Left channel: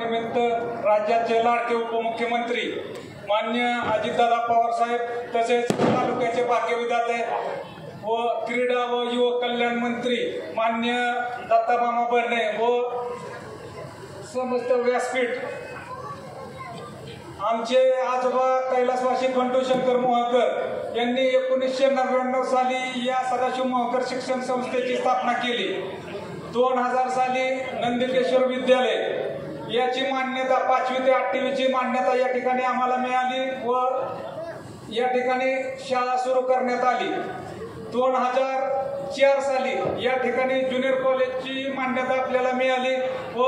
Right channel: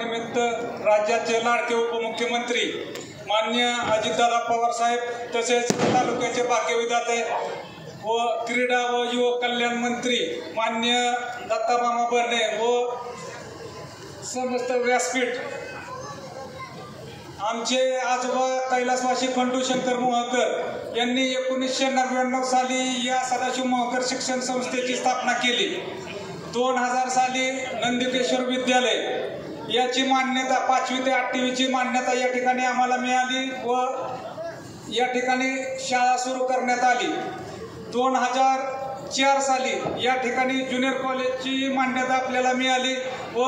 निमित्त राज्याचे लाडके उपमुख्यमंत्री माननीय अजितदादा पवार साहेब तसेच तालुक्याचे भाग्यविधाते व क्रीडा व युवक कल्याण मंत्री माननीय दत्तामामा भरणे व समस्त व्यासपीठ, आमचे आजोबा कैलासवासी खंडू शंकर मोहकर यांनी 1999 साली या सदाशिव मोहकर शिक्षण संस्थेची स्थापना केली। 2000 साली नंदिकेश्वर विद्यालय याची मान्यता 5वी ते 8वी ची मान्यता या ठिकाणी आम्हाला मिळाली व या ठिकाणी शाळा सुरू करण्यात आली। 2004 साली या ठिकाणी ज्युनियर कॉलेजची मान्यता आपल्याला मिळाली व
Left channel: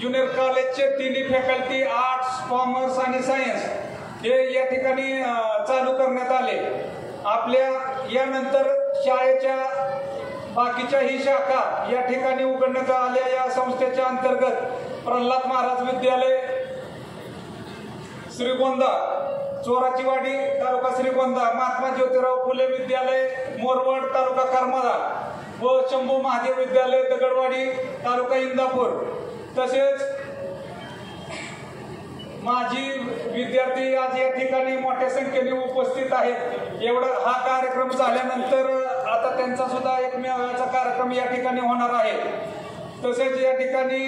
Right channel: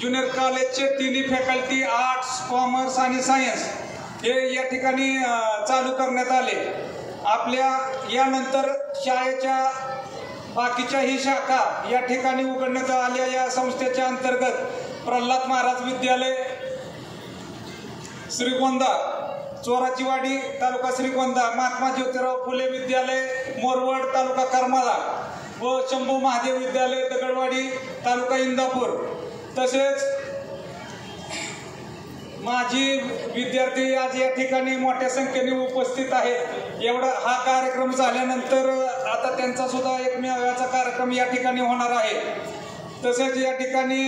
ज्युनियर कॉलेजचे तिन्ही फॅकल्टी आर्ट्स, कॉमर्स आणि सायन्स हे या ठिकाणी चालू करण्यात आले। आपल्या यानंतर शाळेच्या बाकीच्याही शाखा या ठिकाणी उघडण्यात आल्या। या संस्थेच्या अंतर्गत प्रल्हाद महाराज विद्यालय श्रीगोंदा चोराचीवाडी तालुका श्रीगोंदा, महात्मा ज्योतिराव फुले विद्यालय मोरवड तालुका करमाळा व शंभू महादेव विद्यालय दगडवाडी तालुका इंदापूर, तसेच माजी विद्यार्थी आज या ठिकाणी मोठ्या संख्येने उपस्थित आहेत। एवढा हा कार्यक्रम झाल्यानंतर आता त्यांचा सुद्धा एक मेळाव्याचा कार्यक्रम या ठिकाणी होणार आहे। तसेच या ठिकाणी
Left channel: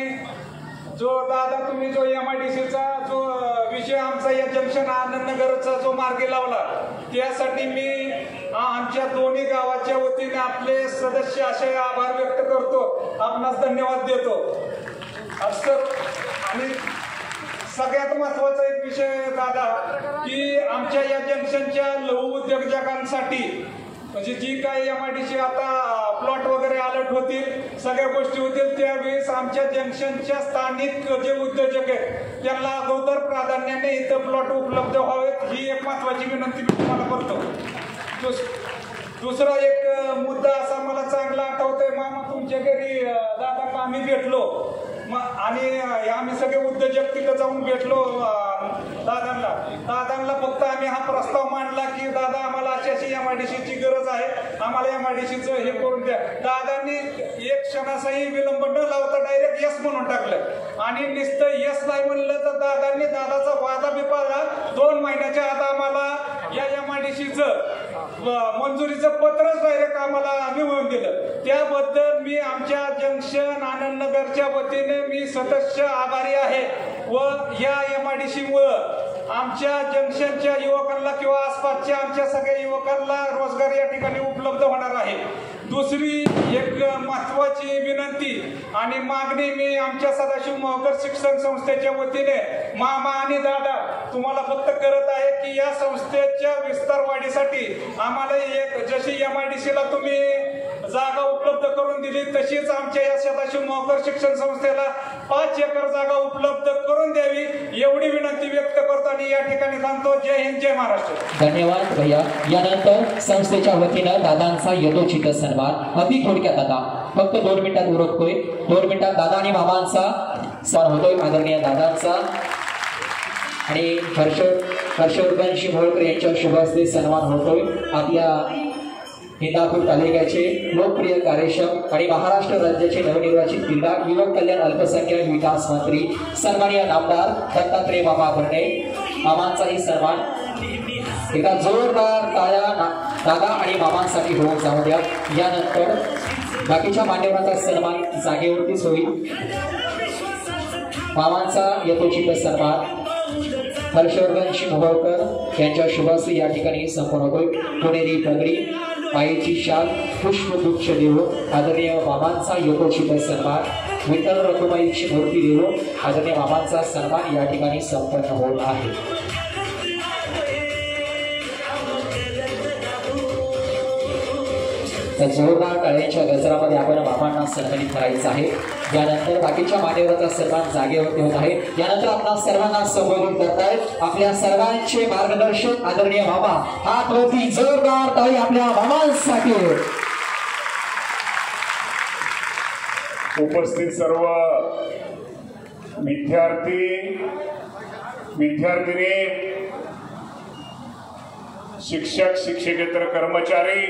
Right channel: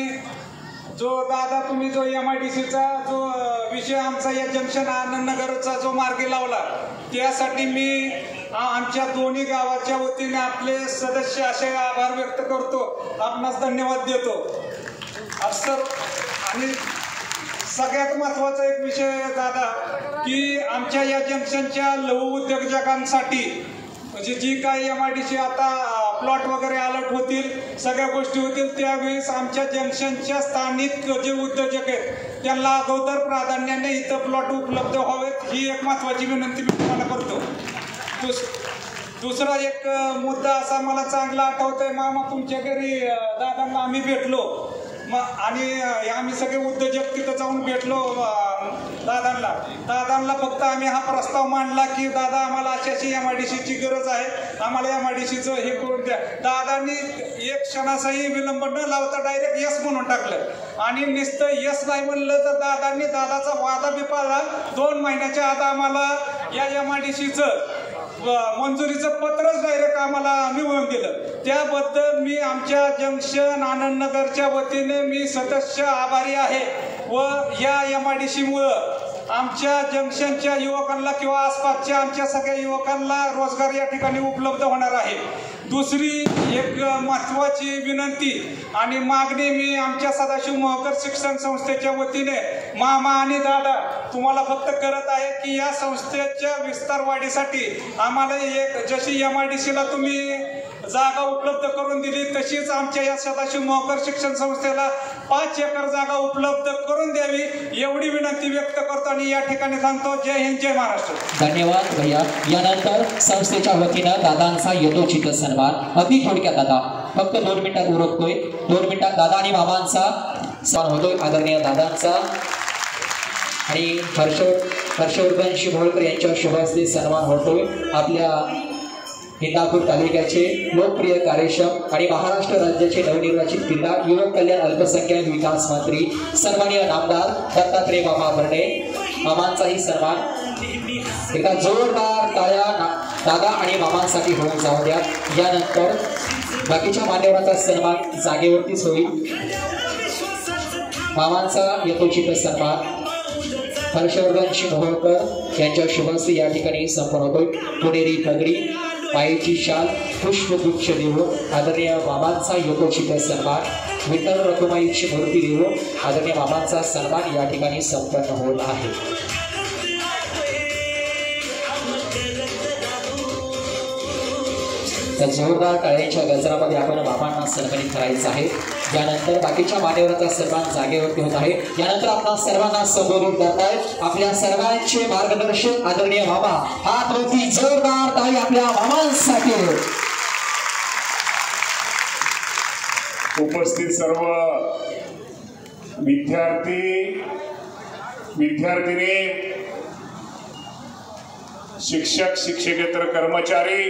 जो दादा तुम्ही जो MIDCचा जो विषय आमचा या जंक्शन आनंदनगरचा जो मार्गी लावला त्यासाठी मी आमच्या दोन्ही गावाच्या वतीने आपले सदस्य असे आभार व्यक्त करतो, आपणास धन्यवाद देतो। सर, आणि सगळ्यात महत्त्वाचा एक विषय दादा की आमच्या या जंक्शनच्या लघु उद्योजकांसाठी म्हणजे जी काही MIDC आता प्लॉट वगैरे अलर्ट होतील, सगळ्या गोष्टी होतील, त्यावेळेस आमच्या जंक्शनच्या स्थानिक जे उद्योजक आहेत त्यांना अगोदर प्राधान्याने इथं प्लॉट उपलब्ध व्हावेत, ही एक महत्त्वाची विनंती मी तुम्हाला करतो। दुसरा एक मुद्दा असा मला चांगला आठवतोय, मामा तुमच्या घरी दादांना आम्ही भेटलो आणि आम्ही सगळे उद्योजक तिथं जाऊन भेटलो दादांना फक्त आम्ही हा प्रस्ताव मांडला की दादा आम्हाला अशी MIDCची गरज आहे, आम्हाला MIDCचं हे करून द्या। दादांनी एक क्षणाचाही विलंब न लावता डायरेक्ट यस म्हणून टाकलं आणि नुसतं यस नाही म्हणलं तर दादांनी दादाचा वादा बी पाळला। 2 महिन्याच्या आत आम्हाला या MIDCचं मंजुरीचं पत्रच डायरेक्ट आम्हाला मिळवून दिलं। त्याबद्दल मी आमच्या जंक्शन आनंदनगरच्या वतीने मी सदस्य आभारी आहे व या MIDCमुळं आमच्या जंक्शनच्या युवकांना किंवा आसपासच्या आमच्या सगळ्या युवकांना रोजगार या ठिकाणी उपलब्ध होणार आहे। दुसरी एक महत्त्वाची विनंती आणि मागणी मी आमच्या सदाशिव मोहकर शिक्षण संस्थेच्या वतीने मामा आणि दादा तुम्हाला फक्त करत आहे की या संस्थेच्या विस्तार वाढीसाठी आम्हाला एक जशी MIDCला तुम्ही जागा उपलब्ध करून दिली तशीच आमच्या या सदाशिव मोहकर शिक्षण संस्थेला 5 एकर जागा उपलब्ध करून द्यावी एवढी विनंती व्यक्त करतो आणि या ठिकाणी सांगतो जय हिंद जय महाराष्ट्र। धन्यवाद भैया। यानंतर संस्थेच्या वतीनं दादांचा यथोचित सन्मान अगदी थोडक्यात दादा फक्त 2 मिनिटात उरकतोय। 2 मिनिटात दादा आणि मामांचा सन्मान होतोय, आदरणीय दादांचा आणि हर्षवर्धन शिमोळकर यांच्या शुभ हस्ते सन्मान होतोय। आपल्या इंदापूर तालुक्याचे लोकप्रिय कार्यक्षम आणि महाराष्ट्र राज्याचे नवनिर्वाचित जिल्हा युवक कल्याण अल्पसंख्याक विकास मंत्री सन्माननीय नामदार दत्तात्रय मामा भरणे मामांचाही सन्मान एका जोरदार टाळ्या दादा आणि मामांसाठी होऊन जाऊ द्या। यानंतर बाकीच्या मान्यवरांचा सन्मान जागेवरतीच होईल। मामांचा यथोचित सन्मान हर्षवर्धन शिमोळकर यांच्या शुभहस्ते या ठिकाणी संपन्न होतोय। पुणेरी पगडी पायाची शाल पुष्पगुच्छ देऊन आदरणीय मामांचा यथोचित सन्मान विठ्ठल रखुमाईची मूर्ती देऊन आदरणीय मामांचा सन्मान या ठिकाणी संपन्न होत आहे। तर जोरदार टाळ्यांच्या गजरामध्ये आपण मामांना सन्मानित करायचं आहे। यानंतर बाकीच्या मान्यवरांचा सन्मान जागेवरती होत आहे। यानंतर आपल्या सर्वांना संबोधित करत आहेत आपल्या सर्वांचे मार्गदर्शक आदरणीय मामा। हात वरती जोरदार टाळी आपल्या मामांसाठी। उपस्थित सर्व विद्यार्थी विद्यार्थिनी शिक्षक शिक्षकेतर कर्मचारी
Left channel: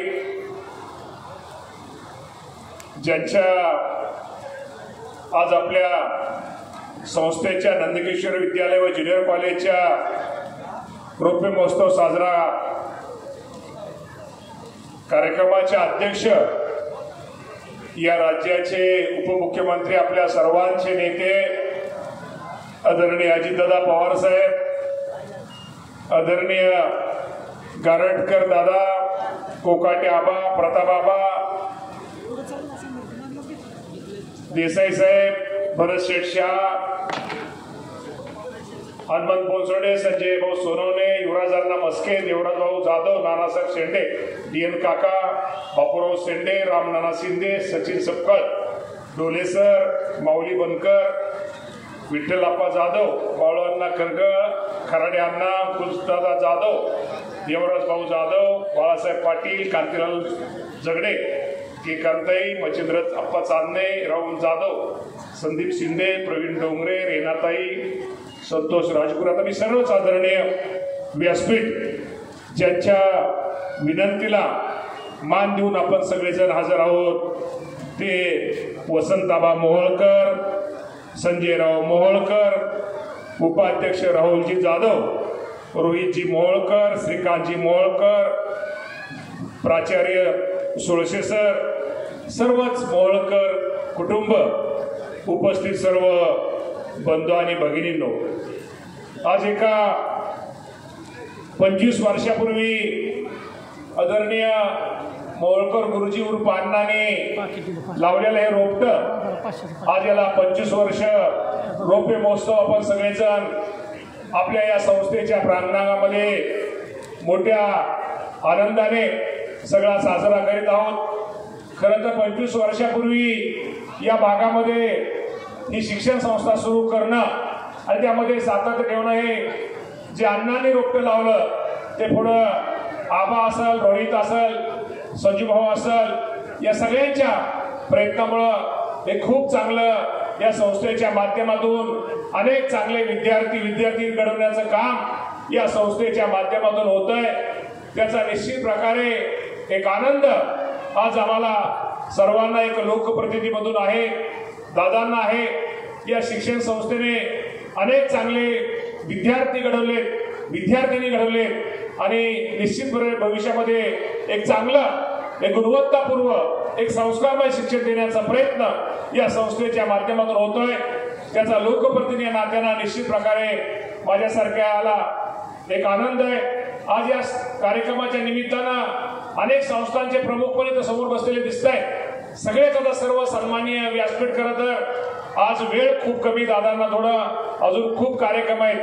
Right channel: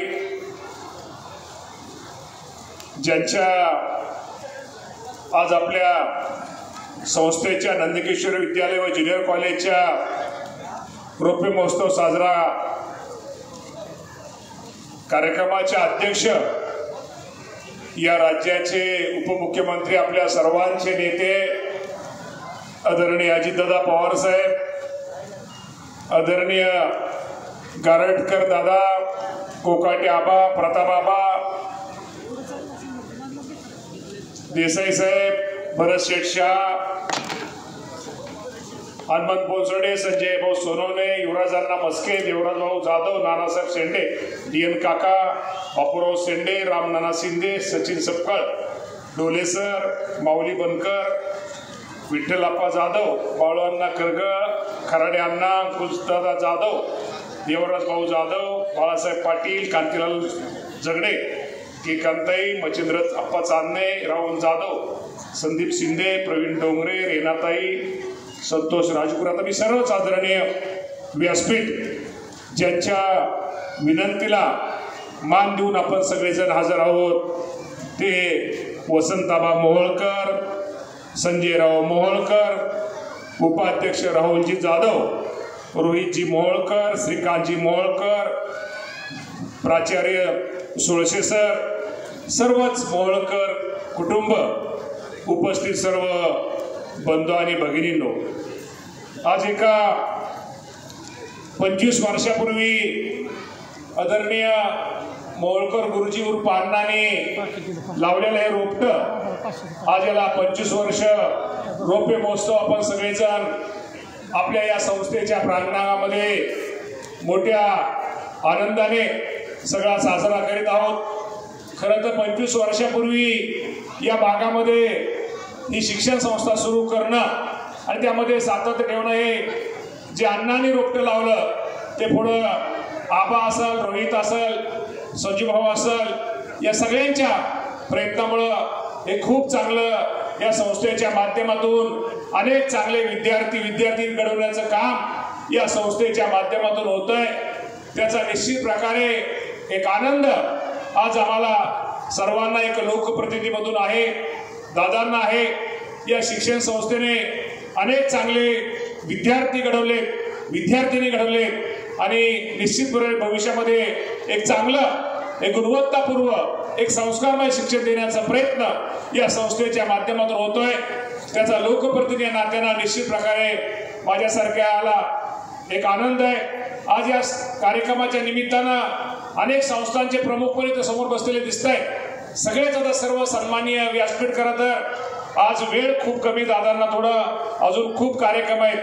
ज्यांच्या आज आपल्या संस्थेच्या नंदकिशोर विद्यालय व ज्युनियर कॉलेजच्या रौप्य महोत्सव साजरा कार्यक्रमाच्या अध्यक्ष या राज्याचे उपमुख्यमंत्री आपल्या सर्वांचे नेते आदरणीय अजितदादा पवार साहेब, आदरणीय गारटकर दादा, कोकाटे आबा, प्रताप आबा, देसाई साहेब, भरत शेठ शाह, हनुमंत बोसडे, संजय भाऊ सोनवणे, युवराजांना मस्के, देवराज भाऊ जाधव, नानासाहेब शेंडे, डीएन काका, बापूराव शेंडे, रामनाना शिंदे, सचिन सपकाळ, डोले सर, माऊली बनकर, विठ्ठलप्पा जाधव, बाळूअण्णा करगळ, खराडे अण्णा, कृष्णदादा जाधव, देवराज भाऊ जाधव, बाळासाहेब पाटील, कांतीलाल जगडे, के कांताई, मच्छिंद्र अप्पा चांदणे, राहुल जाधव, संदीप शिंदे, प्रवीण डोंगरे, रेनाताई, संतोष राजपूर. आता मी सर्वच आदरणीय व्यासपीठ ज्यांच्या विनंतीला मान देऊन आपण सगळेजण हजर आहोत ते वसंताबा मोहोळकर, संजयराव मोहोळकर, उपाध्यक्ष राहुलजी जाधव, रोहितजी मोहोळकर, श्रीकांतजी मोहोळकर, प्राचार्य सुळसे सर, सर्वच मोहोळकर कुटुंब, उपस्थित सर्व बंधू आणि भगिनींनो, आज एका 25 वर्षापूर्वी आदरणीय मोहोळकर गुरुजी उर्फ अण्णांनी लावलेलं हे रोपटं आज याला 25 वर्ष रौप्य महोत्सव आपण सगळेजण आपल्या या संस्थेच्या प्रांगणामध्ये मोठ्या आनंदाने सगळा साजरा करीत आहोत. खरं तर 25 वर्षापूर्वी या भागामध्ये ही शिक्षण संस्था सुरू करणं आणि त्यामध्ये सातत्य ठेवणं, हे जे अण्णांनी रोपटं लावलं ते पुढं आबा असेल, रोहित असेल, संजूभाऊ असेल, या सगळ्यांच्या प्रयत्नामुळं हे खूप चांगलं या संस्थेच्या माध्यमातून अनेक चांगले विद्यार्थी घडवण्याचं काम या संस्थेच्या माध्यमातून होतंय. त्याचा निश्चित प्रकारे एक आनंद आज आम्हाला सर्वांना एक लोकप्रतिनिधीमधून आहे, दादांना आहे. या शिक्षण संस्थेने अनेक चांगले विद्यार्थी घडवले, विद्यार्थिनी घडवले आणि निश्चितपणे भविष्यामध्ये एक चांगलं, एक गुणवत्तापूर्व, एक संस्कारमय शिक्षण देण्याचा प्रयत्न या संस्थेच्या माध्यमातून होतोय. त्याचा लोकप्रतिनिधी नात्यानं निश्चित प्रकारे माझ्यासारख्याला एक आनंद आहे. आज या कार्यक्रमाच्या निमित्तानं अनेक संस्थांचे प्रमुख पण इथं समोर बसलेले दिसत आहेत. सगळेच आता सर्व सन्माननीय व्यासपीठ खरं तर आज वेळ खूप कमी, दादांना थोडं अजून खूप कार्यक्रम आहेत,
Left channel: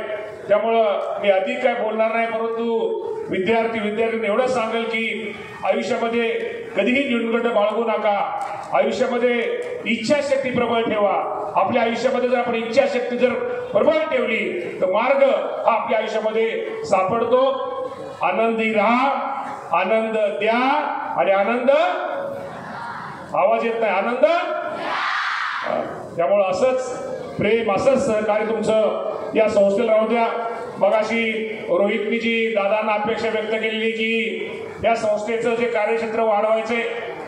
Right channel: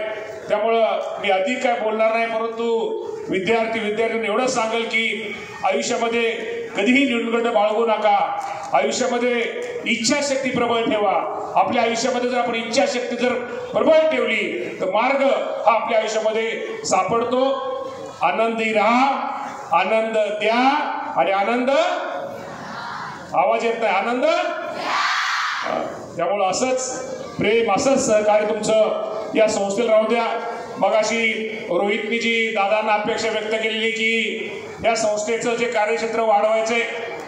त्यामुळं मी अधिक काय बोलणार नाही. परंतु विद्यार्थी एवढं सांगेल की आयुष्यामध्ये कधीही न्यूनगंड बाळगू नका. आयुष्यामध्ये इच्छाशक्ती प्रबळ ठेवा. आपल्या आयुष्यामध्ये जर आपण इच्छाशक्ती जर प्रबळ ठेवली तर मार्ग हा आपल्या आयुष्यामध्ये सापडतो. आनंदी राहा, आनंद द्या आणि आनंद, आवाज येत नाही, आनंद. त्यामुळं असंच प्रेम, असंच सहकार्य तुमचं या संस्थेला राहू द्या. मगाशी रोहितनी जी दादांना अपेक्षा व्यक्त केलेली की या संस्थेचं जे कार्यक्षेत्र वाढवायचंय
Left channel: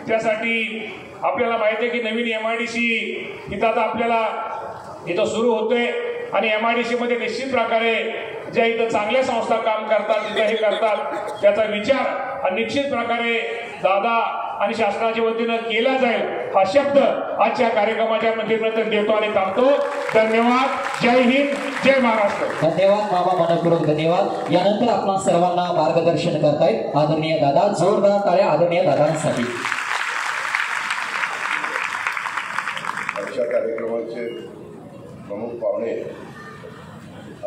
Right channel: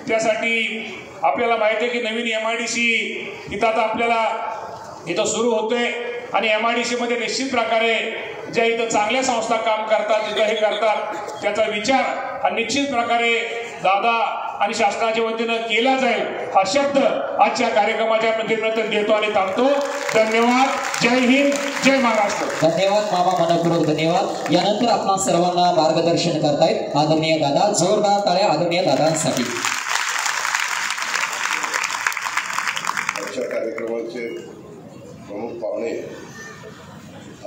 त्यासाठी आपल्याला माहिती आहे की नवीन MIDC इथं आता आपल्याला इथं सुरू होतोय आणि MIDC मध्ये निश्चित प्रकारे ज्या इथं चांगल्या संस्था काम करतात, जिथं हे करतात, त्याचा विचार आणि निश्चित प्रकारे दादा आणि शासनाच्या वतीनं केला जाईल हा शब्द आजच्या कार्यक्रमाच्या माध्यमातून देतो आणि थांबतो. धन्यवाद. जय हिंद, जय महाराष्ट्र. धन्यवाद मामा, मनपूर्वक धन्यवाद. यानंतर आपण सर्वांना मार्गदर्शन करतायत आदरणीय दादा. जोरदार टाळ्या आदरणीय दादांसाठी. आजच्या कार्यक्रमाचे प्रमुख पाहुणे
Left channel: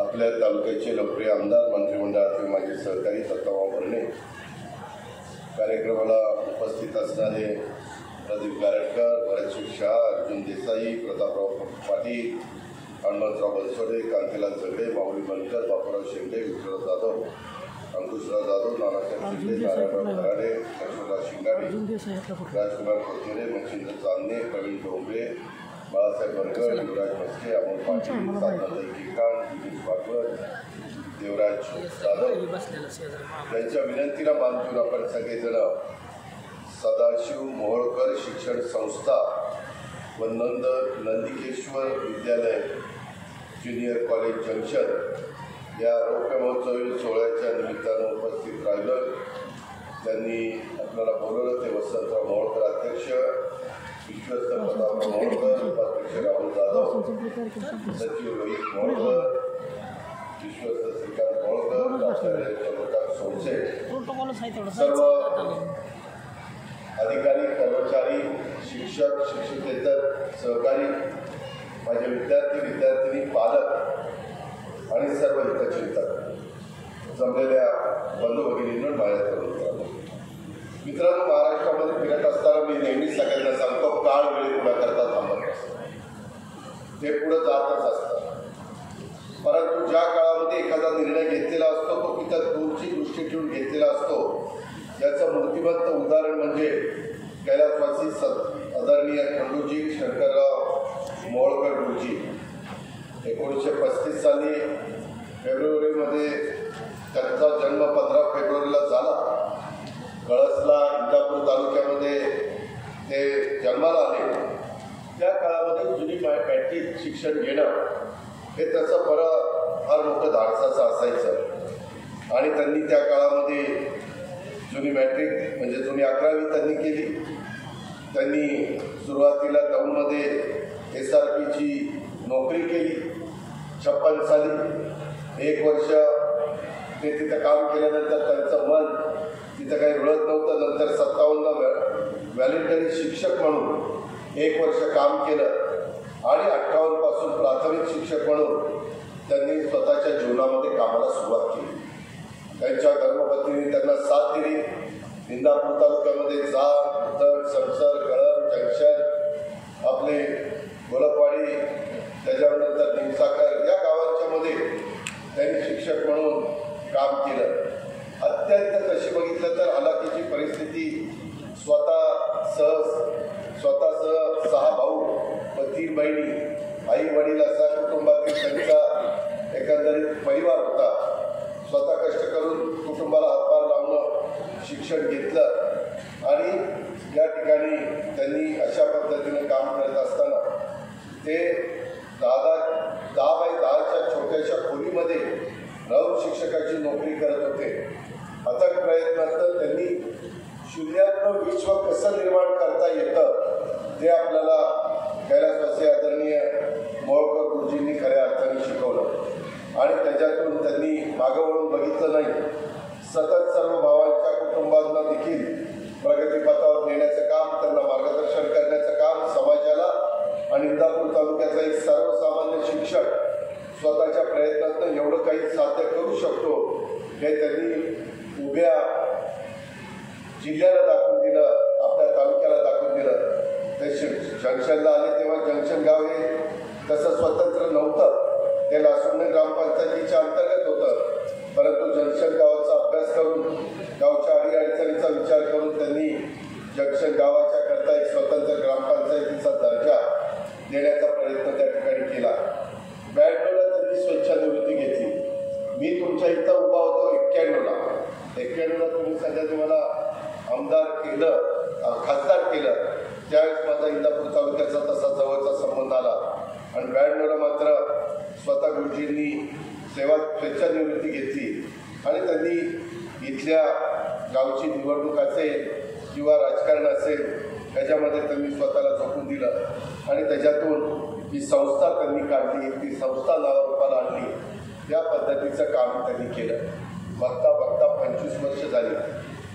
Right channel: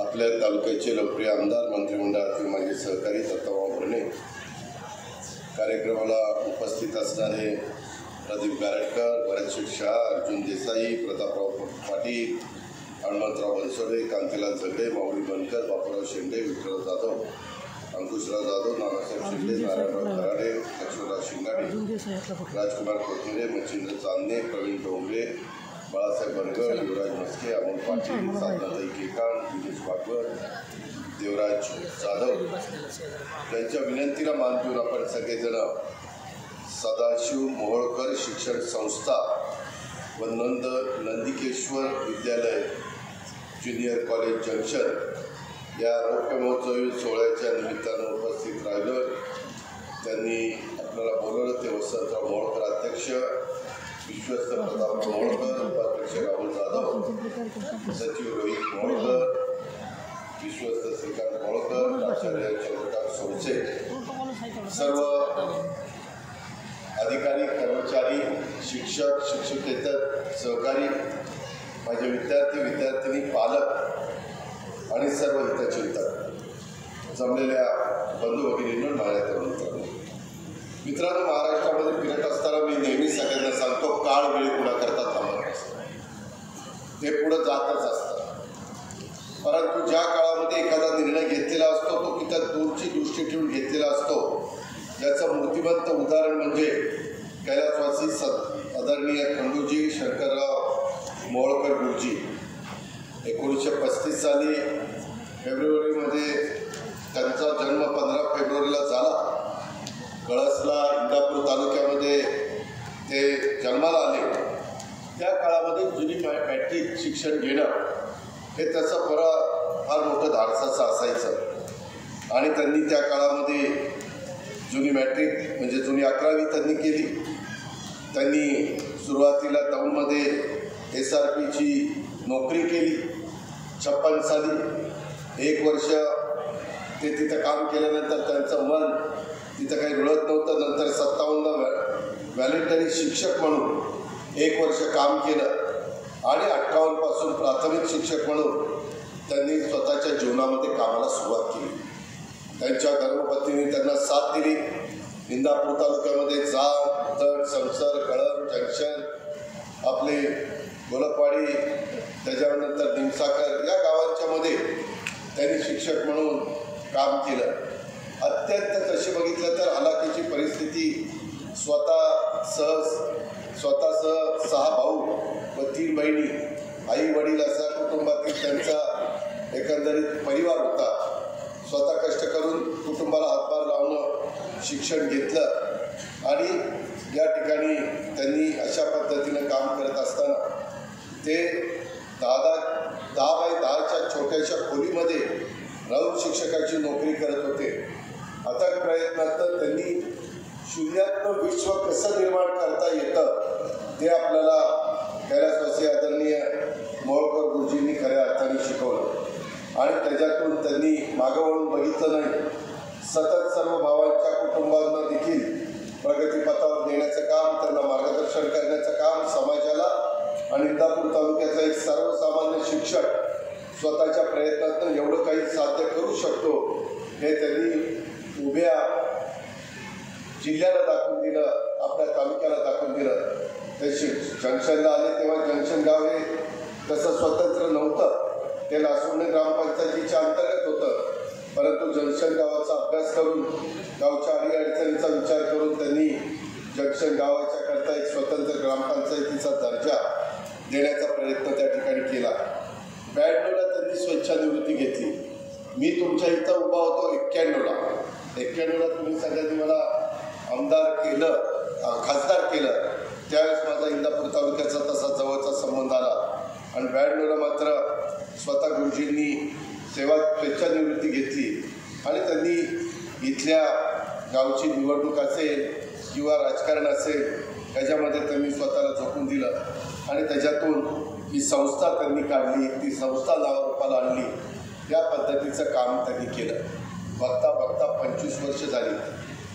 आपल्या तालुक्याचे लोकप्रिय आमदार, मंत्रिमंडळातील माझे सहकारी दत्ताभाऊ भरणे, कार्यक्रमाला उपस्थित असणारे प्रदीप गारटकर, भरत शेठ शाह, अर्जुन देसाई, प्रतापराव पाटील, हनुमंतराव बनसोडे, कांतीलाल जगडे, माऊली बनकर, बापूराव शेंडे, विठ्ठलराव जाधव, अंकुशराव जाधव, नानासाहेब शिंदे, नारायणराव खराडे, लक्ष्मणराव शिंगाडे, राजकुमार कोथमिरे, मच्छिंद्र चांदणे, प्रवीण डोंगरे, बाळासाहेब बनकर, युवराज मस्के, अमोल पाटील, साधनाताई केकाम, दिनेश भागवत, देवराज जाधव यांच्या विनंतीला मान देऊन आपण सगळेजण सदाशिव मोहोळकर शिक्षण संस्था व नंदिकेश्वर विद्यालय ज्युनियर कॉलेज जंक्शन या रौप्य महोत्सवी सोहळ्याच्या निमित्तानं उपस्थित राहिलं. त्यांनी आपल्याला बोलवलं ते वसंतराव मोहोळकर अध्यक्ष, विश्वस्त प्रताप मोहोळकर, उपाध्यक्ष राहुल जाधव, सचिव रोहित मोहोळकर, विश्वस्त श्रीकांत मोहोळकर, आचार्य चंद्रकांत सोनसे, सर्व अधिकारी, कर्मचारी, शिक्षक, शिक्षकेतर सहकारी, माझे विद्यार्थी, विद्यार्थिनी, पालक आणि सर्व हितचिंतक, जमलेल्या बंधू भगिनींनो, माझ्या तरुण मित्रांनो, महाराष्ट्रामध्ये फिरत असताना मी नेहमी सगळ्यांना सांगतो, काळ वेळी कुणाकरता थांबत नसतं, ते पुढं जातच असतं. परंतु ज्या काळामध्ये एखादा निर्णय घेतलेला असतो तो तिथं दूरची दृष्टी ठेवून घेतलेला असतो. याचं मूर्तिमंत उदाहरण म्हणजे कैलासवासी आदरणीय खंडूजी शंकरराव मोहोळकर गुरुजी. 1935 साली फेब्रुवारीमध्ये त्यांचा जन्म 15 फेब्रुवारीला झाला. कळसला, इंदापूर तालुक्यामध्ये ते जन्माला आले. त्या काळामध्ये जुनी मॅट्रिक शिक्षण घेणं हे तसं फार मोठं धाडसाचं असायचं आणि त्यांनी त्या काळामध्ये जुनी मॅट्रिक म्हणजे जुनी 11वी त्यांनी केली. त्यांनी सुरुवातीला दौंडमध्ये SRPची नोकरी केली. 56 साली 1 वर्ष ते तिथं काम केल्यानंतर त्यांचं मन तिथं काही रुळत नव्हतं. नंतर 57 व्हॉलंटरी शिक्षक म्हणून 1 वर्ष काम केलं आणि 58 पासून प्राथमिक शिक्षक म्हणून त्यांनी स्वतःच्या जीवनामध्ये कामाला सुरुवात केली. त्यांच्या धर्मपत्नीने त्यांना साथ दिली. इंदापूर तालुक्यामध्ये जाग, उदड, संसर, कळम, जंक्शन, आपले गोलपवाडी, त्याच्यानंतर निमसाकर या गावांच्या मध्ये त्यांनी शिक्षक म्हणून काम केलं. अत्यंत तशी बघितलं तर हलाखीची परिस्थिती, स्वतःसह 6 भाऊ व 3 बहिणी, आई वडील असा कुटुंबातील त्यांचा एकंदरीत परिवार होता. स्वतः कष्ट करून कुटुंबाला हातभार लावणं, शिक्षण घेतलं आणि या ठिकाणी त्यांनी अशा पद्धतीनं काम करत असताना ते 10 बाय 10च्या छोट्याशा खोलीमध्ये राहून शिक्षकाची नोकरी करत होते. अथक प्रयत्नात त्यांनी शून्यातनं विश्व कसं निर्माण करता येतं ते आपल्याला कैलासवासी आदरणीय मोहोळकर गुरुजींनी खऱ्या अर्थाने शिकवलं आणि त्याच्यातून त्यांनी मागं वळून बघितलं नाही. सतत सर्व भावांच्या कुटुंबांना देखील प्रगतीपथावर नेण्याचं काम, त्यांना मार्गदर्शन करण्याचं काम समाजाला आणि इंदापूर तालुक्याचा एक सर्वसामान्य शिक्षक स्वतःच्या प्रयत्नातून एवढं काही साध्य करू शकतो हे त्यांनी उभ्या जिल्ह्याला दाखवून दिलं, आपल्या तालुक्याला दाखवून दिलं. ते जंक्शनला आले तेव्हा जंक्शन गाव हे तसं स्वतंत्र नव्हतं, ते लासुंडे ग्रामपंचायतीच्या अंतर्गत होतं. परंतु जंक्शन गावाचा अभ्यास करून गावच्या अडीअडचणीचा विचार करून त्यांनी जंक्शन गावाच्या करता एक स्वतंत्र ग्रामपंचायतीचा दर्जा देण्याचा प्रयत्न त्या ठिकाणी केला. 92ला त्यांनी स्वेच्छानिवृत्ती घेतली. मी तुमच्या इथं उभा होतो 91ला तुम्ही सगळ्यांनी मला आमदार केलं, खासदार केलं. त्यावेळेस माझा इंदापूर तालुक्याचा तसा जवळचा संबंध आला आणि 92ला मात्र स्वतः गुरुजींनी स्वेच्छानिवृत्ती घेतली आणि त्यांनी इथल्या गावची निवडणूक असेल किंवा राजकारण असेल त्याच्यामध्ये त्यांनी स्वतःला झोकून दिलं आणि त्याच्यातून ही संस्था त्यांनी काढली, ती संस्था नावारूपाला आणली. या पद्धतीचं काम त्यांनी केलं. बघता बघता 25 वर्ष झाली.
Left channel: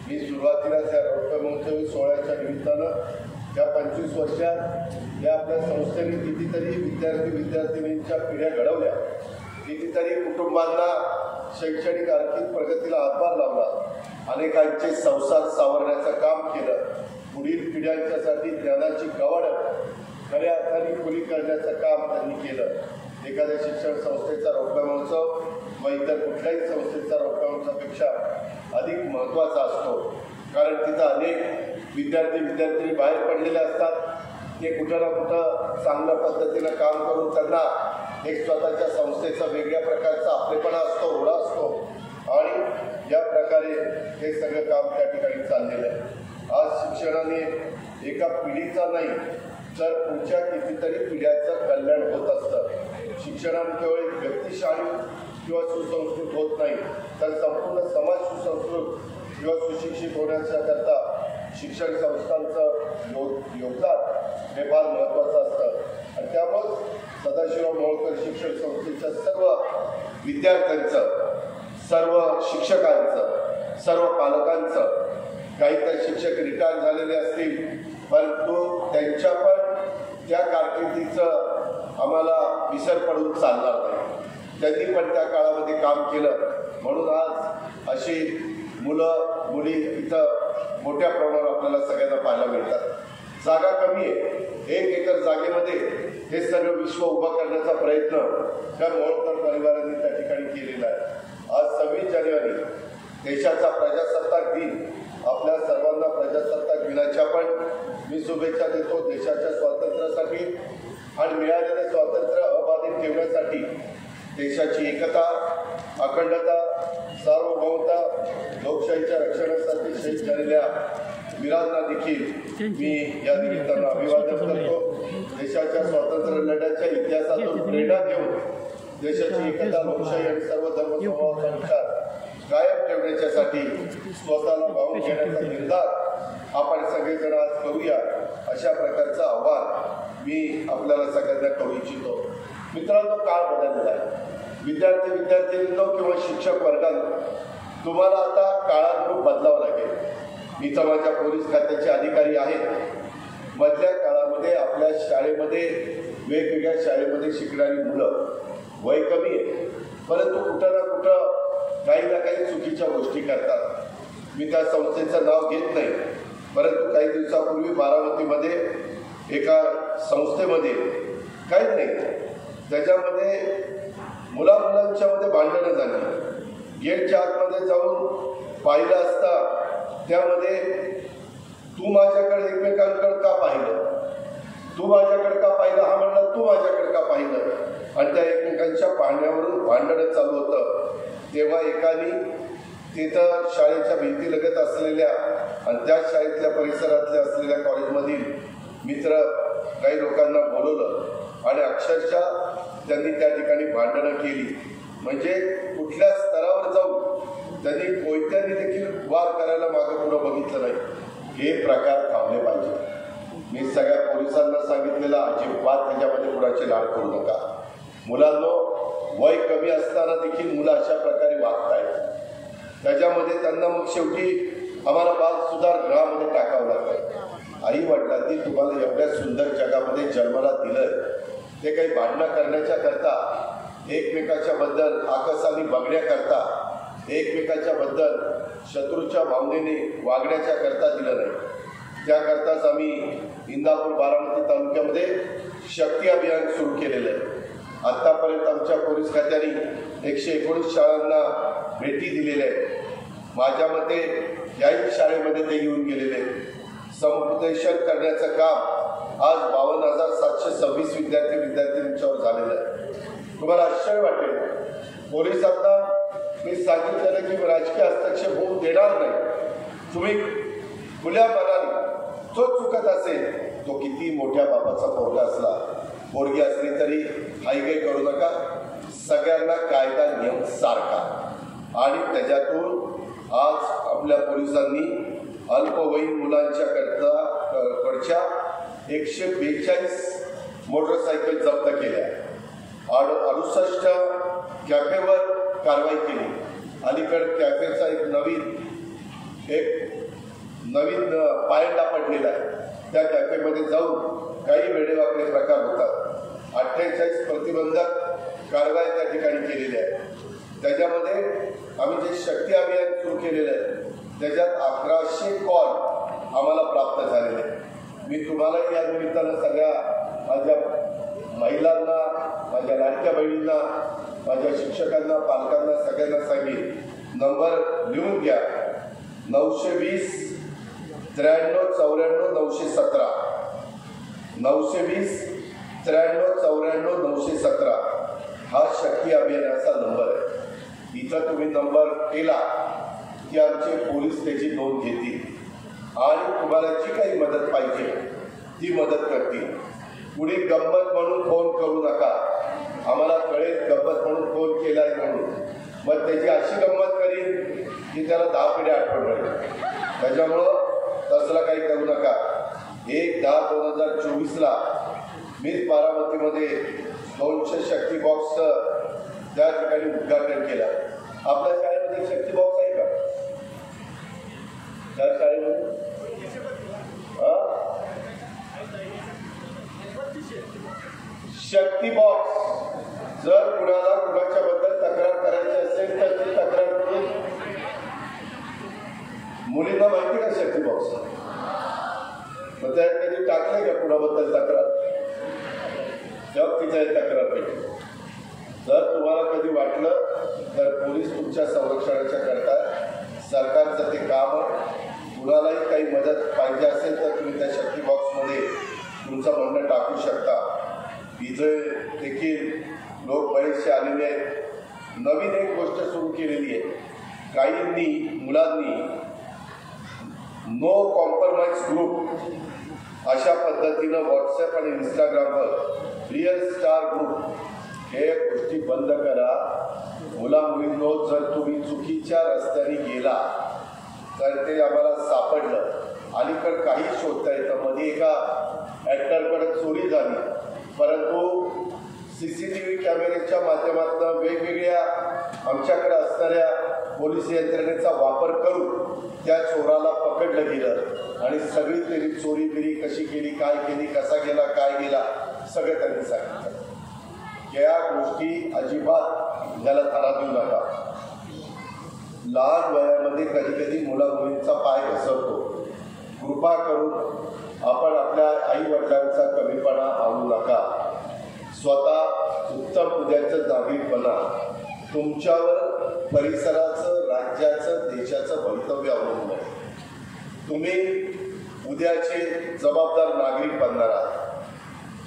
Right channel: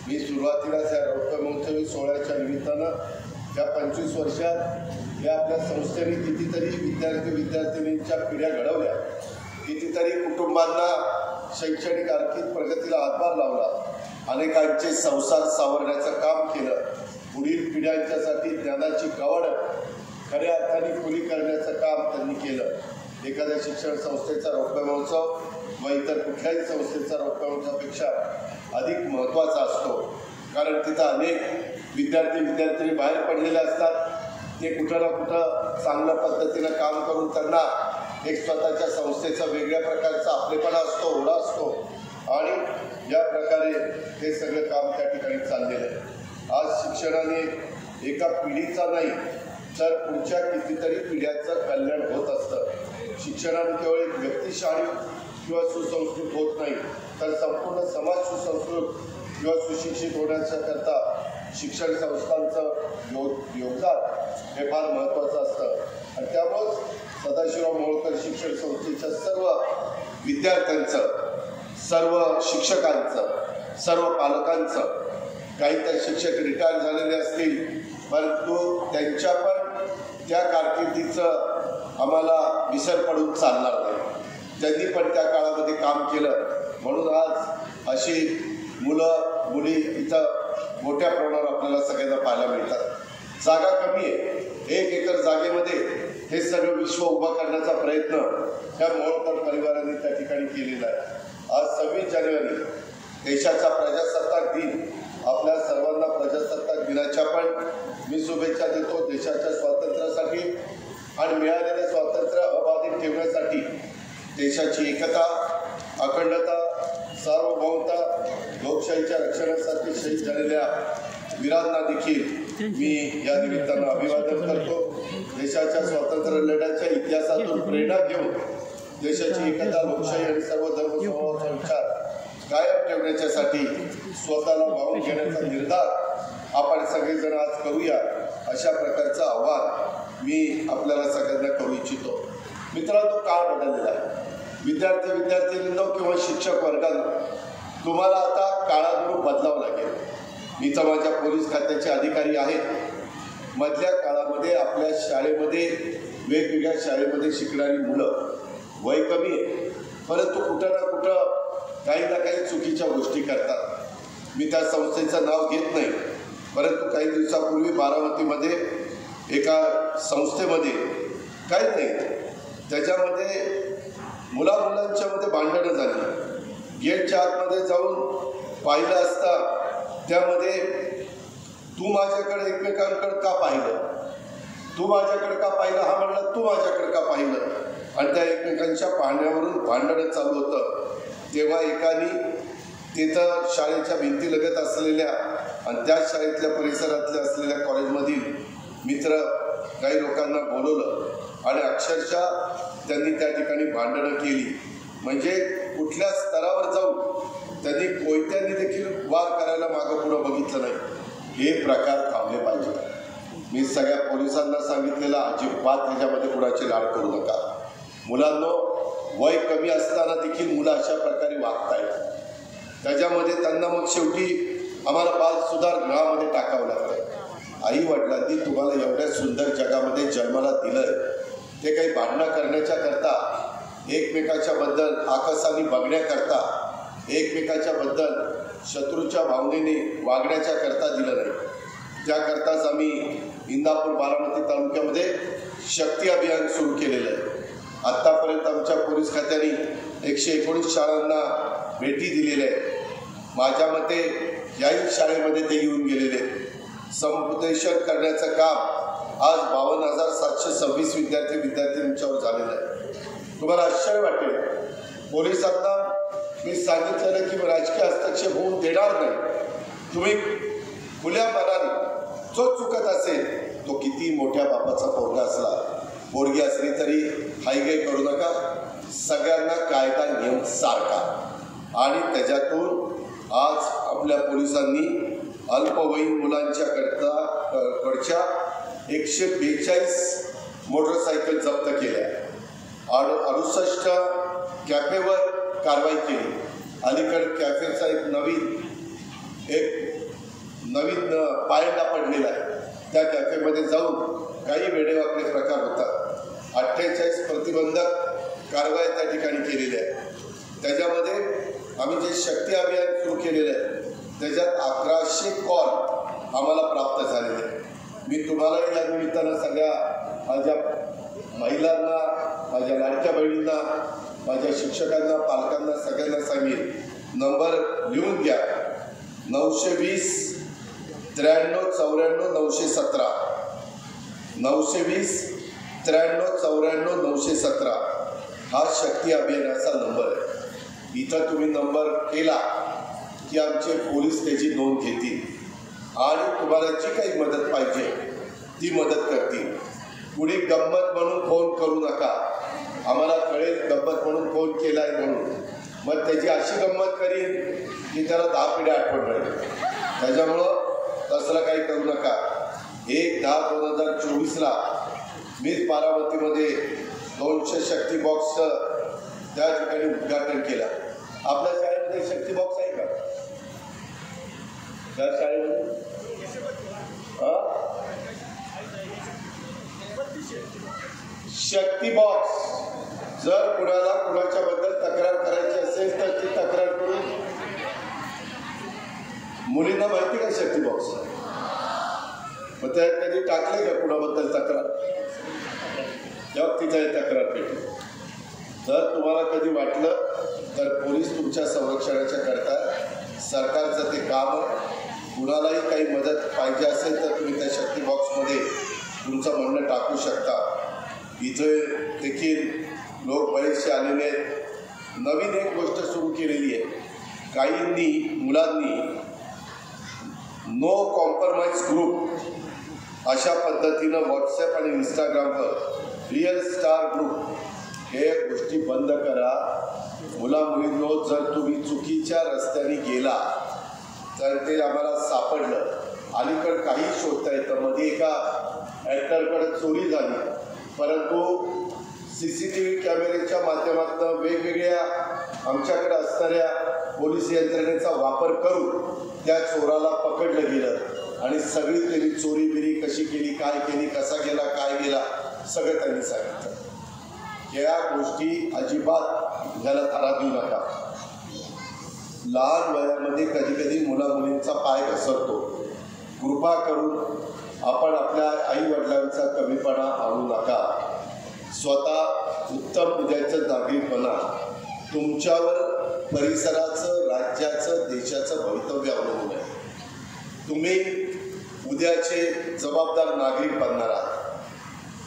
मी सुरुवातीलाच या रौप्य महोत्सवी सोहळ्याच्या निमित्तानं या 25 वर्षात या आपल्या संस्थेने कितीतरी विद्यार्थिनींच्या पिढ्या घडवल्या, कितीतरी कुटुंबांना शैक्षणिक आर्थिक प्रगतीला हातभार लावला, अनेकांचे संसार सावरण्याचं काम केलं, पुढील पिढ्यांच्यासाठी ज्ञानाची कवड खऱ्या अर्थाने खुली करण्याचं काम त्यांनी केलं. एखाद्या शिक्षण संस्थेचा रौप्य महोत्सव व इतर कुठल्याही संस्थेचा रौप्य महोत्सवापेक्षा अधिक महत्त्वाचा असतो, कारण तिथं अनेक विद्यार्थी बाहेर पडलेले असतात. ते कुठं ना कुठं चांगल्या पद्धतीनं काम करून त्यांना एक स्वतःच्या संस्थेचा वेगळ्या प्रकारचा आपलेपणा असतो, ओढा असतो आणि या प्रकारे हे सगळं काम त्या ठिकाणी चाललेलं आहे. आज शिक्षणाने एका पिढीचा नाही तर पुढच्या कितीतरी पिढ्यांचं कल्याण होत असतं. शिक्षणाने केवळ एक व्यक्तिशाली किंवा सुसंस्कृत होत नाही, तर संपूर्ण समाज सुसंस्कृत किंवा सुशिक्षित होण्याच्या करता शिक्षण संस्थांचं योगदान हे फार महत्त्वाचं असतं. आणि त्यामुळेच सदाशिवराव मोहोळकर शिक्षण संस्थेच्या सर्व विद्यार्थ्यांचं, सर्व शिक्षकांचं, सर्व पालकांचं, काही तर शिक्षक रिटायर झालेले असतील, परंतु त्यांच्या पण त्या कारकिर्दीचं आम्हाला विसर पडून चालणार नाही. त्यांनी पण त्या काळामध्ये काम केलं, म्हणून आज अशी मुलं मुली इथं मोठ्या प्रमाणावर आपल्याला सगळ्यांना पाहायला मिळतात. जागा कमी आहे. 1 एकर जागेमध्ये हे सर्व विश्व उभं करण्याचा प्रयत्न त्या मोहोळकर परिवारांनी त्या ठिकाणी केलेला आहे. आज 26 जानेवारी देशाचा प्रजासत्ताक दिन. आपल्या सर्वांना प्रजासत्ताक दिनाच्या पण मी शुभेच्छा देतो. देशाच्या स्वातंत्र्यासाठी आणि मिळालेले स्वातंत्र्य अबाधित ठेवण्यासाठी देशाची एकता, अखंडता, सार्वभौमता, लोकशाहीच्या रक्षणासाठी शहीद झालेल्या वीरांना देखील मी या निमित्तानं अभिवादन करतो. देशाच्या स्वातंत्र्य लढ्याच्या इतिहासातून प्रेरणा घेऊन देशाची एकता, लोकशाही आणि सर्व धर्म समभावाचा विचार कायम ठेवण्याच्यासाठी स्वतःला वाहून घेण्याचा निर्धार आपण सगळेजण आज करूया, अशा प्रकारचं आव्हान मी आपल्याला सगळ्यांना करू इच्छितो. मित्रांनो, काळ बदललेला आहे. विद्यार्थ्यांनो किंवा शिक्षक वर्गांनो, तुम्हाला आता काळानुरूप बदलावं लागेल. मी तर माझ्या पोलीस खात्याचे अधिकारी आहेत. मधल्या काळामध्ये आपल्या शाळेमध्ये, वेगवेगळ्या शाळेमध्ये शिकणारी मुलं वय कमी आहे, परंतु कुठं ना कुठं काही ना काही चुकीच्या गोष्टी करतात. मी त्या संस्थेचं नाव घेत नाही, परंतु काही दिवसापूर्वी बारामतीमध्ये एका संस्थेमध्ये काहीच नाही, त्याच्यामध्ये मुलांच्यामध्ये भांडणं झाली. गेटच्या आतमध्ये जाऊन पाहिलं असता त्यामध्ये तू माझ्याकडे एकमेकांकडे का पाहिलं, तू माझ्याकडे का पाहिलं, हा म्हणला तू माझ्याकडे का पाहिलं, आणि त्या एकमेकांच्या पाहण्यावरून भांडणं चालू होतं. तेव्हा एकाने तिथं शाळेच्या भिंतीलगत असलेल्या आणि त्या शाळेतल्या परिसरातल्या असलेल्या कॉलेजमधील मित्र काही लोकांना बोलवलं आणि अक्षरशः त्यांनी त्या ठिकाणी भांडणं केली. म्हणजे कुठल्या स्तरावर जाऊन त्यांनी कोयत्यांनी देखील वार करायला मागं पुढं बघितलं नाही. हे प्रकार थांबले पाहिजे. मी सगळ्या पोलिसांना सांगितलेलं, अजिबात त्याच्यामध्ये कुणाची लाड करू नका. मुलांनो, वय कमी असताना देखील मुलं अशा प्रकारे वागतायत. त्याच्यामध्ये त्यांना मग शेवटी आम्हाला बाल सुधार गृहामध्ये टाकावं लागतं. आई वडिलांनी तुम्हाला एवढ्या सुंदर जगामध्ये जन्माला दिलं, ते काही भांडणं करण्याच्या करता, एकमेकाच्या बद्दल आकसाने बघण्याकरता, एकमेकाच्या बद्दल शत्रूच्या भावनेने वागण्याच्या करता दिलं नाही. त्याकरताच आम्ही इंदापूर बारामती तालुक्यामध्ये शक्ती अभियान सुरू केलेलं आहे. आत्तापर्यंत आमच्या पोलीस खात्याने 119 शाळांना भेटी दिलेल्या आहेत. माझ्या मते याही शाळेमध्ये ते येऊन गेलेले. समुपदेशन करण्याचं काम आज 52,726 विद्यार्थ्यांच्यावर झालेलं आहे. तुम्हाला आश्चर्य वाटेल, पोलिसांना मी सांगितलेलं की राजकीय हस्तक्षेप होऊ देणार नाही. तुम्ही खुल्या मनाने जो चुकत असेल, तो किती मोठ्या बापाचा पोरगा असला, पोरगी असली तरी हायगाय करू नका. सगळ्यांना कायदा नियम सारखा. आणि त्याच्यातून आज आपल्या पोलिसांनी अल्पवयीन मुलांच्या कडच्या 142 मोटरसायकल जप्त केल्या, 68 कॅफेवर कारवाई केली. अलीकडे कॅफेचा एक नवीन पायंडा पडलेला आहे. त्या कॅफेमध्ये जाऊन काही वेडेवाकडे प्रकार होतात. 48 प्रतिबंधक कारवाया त्या ठिकाणी केलेल्या आहेत. त्याच्यामध्ये आम्ही जे शक्ती अभियान सुरू केलेलं आहे, त्याच्यात 1100 कॉल आम्हाला प्राप्त झालेले आहेत. मी तुम्हालाही या निमित्तानं सगळ्या माझ्या महिलांना, माझ्या लाडक्या बहिणींना, माझ्या शिक्षकांना, पालकांना सगळ्यांना सांगेन, नंबर लिहून घ्या. 920 93 94 917 920 93 94 917 हा शक्ती अभियानाचा नंबर आहे. इथं तुम्ही नंबर केला की आमचे पोलीस त्याची नोंद घेतील आणि तुम्हाला जी काही मदत पाहिजे ती मदत करतील. कुणी गंमत म्हणून फोन करू नका. आम्हाला कळेल गंमत म्हणून फोन केलाय म्हणून, मग त्याची अशी गंमत करीन की त्याला 10 पिढ्या आठवण राहील. त्याच्यामुळं तसलं काही करू नका. 1/10/2024 मीच बारामतीमध्ये 200 शक्ती बॉक्सचं त्या ठिकाणी उद्घाटन केलं. आपल्या शाळेमध्ये शक्ती बॉक्स आहे का? त्या शाळेमध्ये शक्ती बॉक्स जर कुणाला कुणाच्या बद्दल तक्रार करायची असेल तर ती तक्रार करून. मुलींना माहिती का शक्ती बॉक्स? मग त्यात कधी टाकले का कुणाबद्दल तक्रार? तेव्हा तिच्या तक्रार पेटी. जर तुम्हाला कधी वाटलं तर पोलीस तुमच्या संरक्षणाच्या करता सरकारचं ते काम. कुणालाही काही मदत पाहिजे असेल तर तुम्ही त्या शक्ती बॉक्समध्ये तुमचं म्हणणं टाकू शकता. इथे देखील लोक बरेचसे आलेले आहेत. नवीन एक गोष्ट सुरू केलेली आहे. काहींनी मुलांनी नो कॉम्प्रोमाइज ग्रुप अशा पद्धतीनं व्हॉट्सॲप आणि इंस्टाग्रामवर रिअल स्टार ग्रुप हे गोष्टी बंद करा. मुला-मुलींनो, जर तुम्ही चुकीच्या रस्त्याने गेला तर ते आम्हाला सापडलं. अलीकडे काही शोधता येतं. मध्ये एका ॲक्टरकडे चोरी झाली, परंतु CCTV कॅमेऱ्याच्या माध्यमातून वेगवेगळ्या आमच्याकडे असणाऱ्या पोलीस यंत्रणेचा वापर करून त्या चोराला पकडलं गेलं आणि सगळी त्यांनी चोरी बिरी कशी केली, काय केली, कसा गेला, काय गेला, सगळं त्यांनी सांगितलं. या गोष्टी अजिबात याला धारा देऊ नका. लहान वयामध्ये कधी कधी मुला-मुलींचा पाय घसरतो. कृपा करून आपण आपल्या आई वडिलांचा कमीपणा आणू नका. स्वतः उत्तम उद्याचं नागरिक बना. तुमच्यावर परिसराचं, राज्याचं, देशाचं भवितव्य अवलंबून आहे. तुम्ही उद्याचे जबाबदार नागरिक बनणार आहात.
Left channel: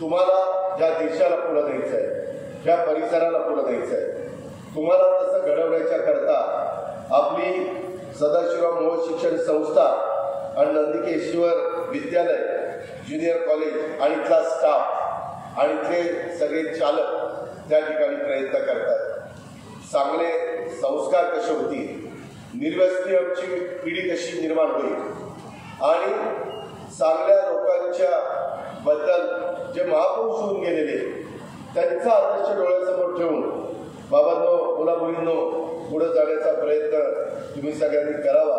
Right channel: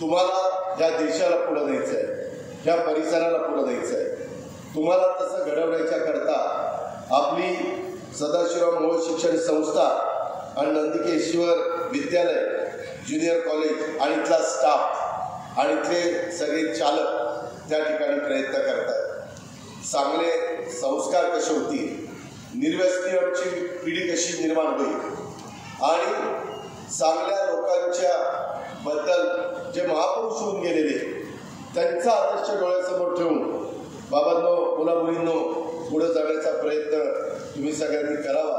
तुम्हाला या देशाला पुढे द्यायचं आहे, या परिसराला पुढे द्यायचं आहे. तुम्हाला तसं घडवण्याच्या करता आपली सदाशिवराव मोहोळ शिक्षण संस्था आणि नंदिकेश्वर विद्यालय, ज्युनियर कॉलेज आणि इथला स्टाफ आणि इथले सगळे चालक त्या ठिकाणी प्रयत्न करतात. चांगले संस्कार कसे होतील, निर्व्यसनी आमची पिढी कशी निर्माण होईल आणि चांगल्या लोकांच्या बद्दल जे महापुरुष होऊन गेलेले त्यांचा आदर्श डोळ्यासमोर ठेवून बाबांनो, मुला-मुलींनो, पुढे जाण्याचा प्रयत्न तुम्ही सगळ्यांनी करावा.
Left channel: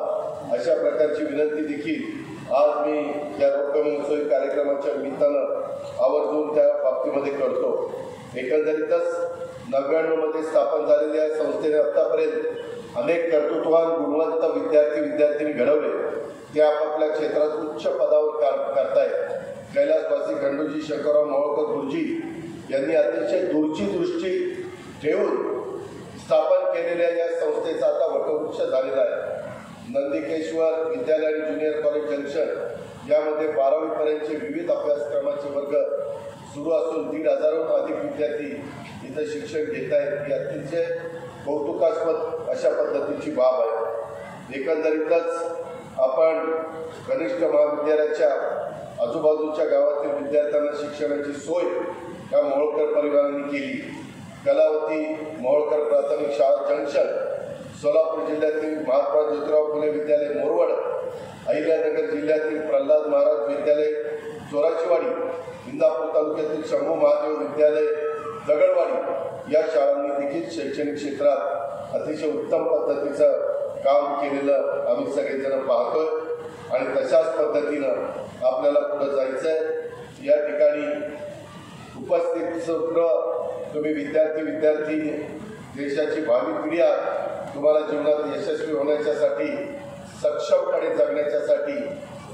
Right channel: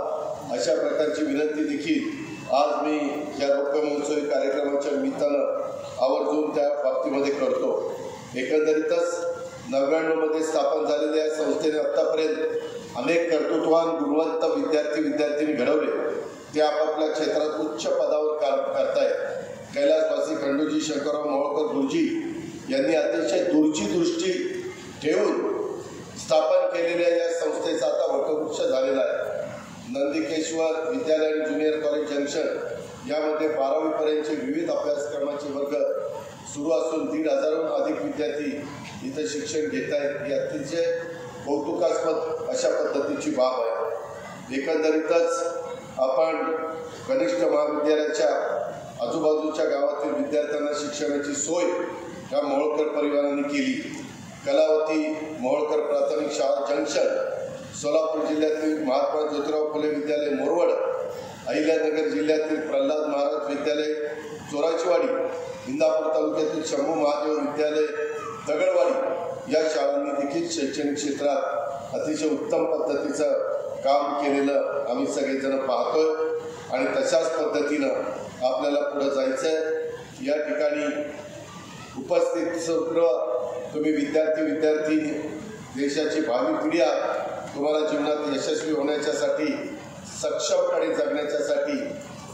अशा प्रकारची विनंती देखील आज मी या रौप्य महोत्सवी कार्यक्रमाच्या निमित्तानं आवर्जून त्या बाबतीमध्ये करतो. एकंदरीतच 99 मध्ये स्थापन झालेल्या या संस्थेने आतापर्यंत अनेक कर्तृत्ववान गुणवंत विद्यार्थी घडवले. ते आपापल्या क्षेत्रात उच्च पदावर काम करतायत. कैलासवासी खंडूजी शंकरराव मोहोळकर गुरुजी यांनी अतिशय दूरची दृष्टी ठेवून स्थापन केलेल्या या संस्थेचा आता वटवृक्ष झालेला आहे. नंदिकेश्वर विद्यालय आणि ज्युनियर कॉलेज जंक्शन यामध्ये 12वी पर्यंतचे विविध अभ्यासक्रमाचे वर्ग सुरू असून 1,500हून अधिक विद्यार्थी इथं शिक्षण घेत आहेत. ही अतिशय कौतुकास्पद अशा पद्धतीची बाब आहे. एकंदरीतच आपण कनिष्ठ महाविद्यालयाच्या आजूबाजूच्या गावातील विद्यार्थ्यांना शिक्षणाची सोय या मोहोळकर परिवारांनी केली. कलावती मोहोळकर प्राथमिक शाळा जंक्शन, सोलापूर जिल्ह्यातील महात्मा ज्योतिराव फुले विद्यालय मोरवड, अहिल्यानगर जिल्ह्यातील प्रल्हाद महाराज विद्यालय चोराचीवाडी, इंदापूर तालुक्यातील शंभू महादेव विद्यालय दगडवाडी या शाळांनी देखील शैक्षणिक क्षेत्रात अतिशय उत्तम पद्धतीचं काम केलेलं आम्ही सगळेजण पाहतोय आणि तशाच पद्धतीनं आपल्याला पुढे जायचं आहे. या ठिकाणी उपस्थित सर्व तुम्ही विद्यार्थी देशाची भावी पिढी आहात. तुम्हाला जीवनात यशस्वी होण्याच्यासाठी, सक्षमपणे जगण्याच्यासाठी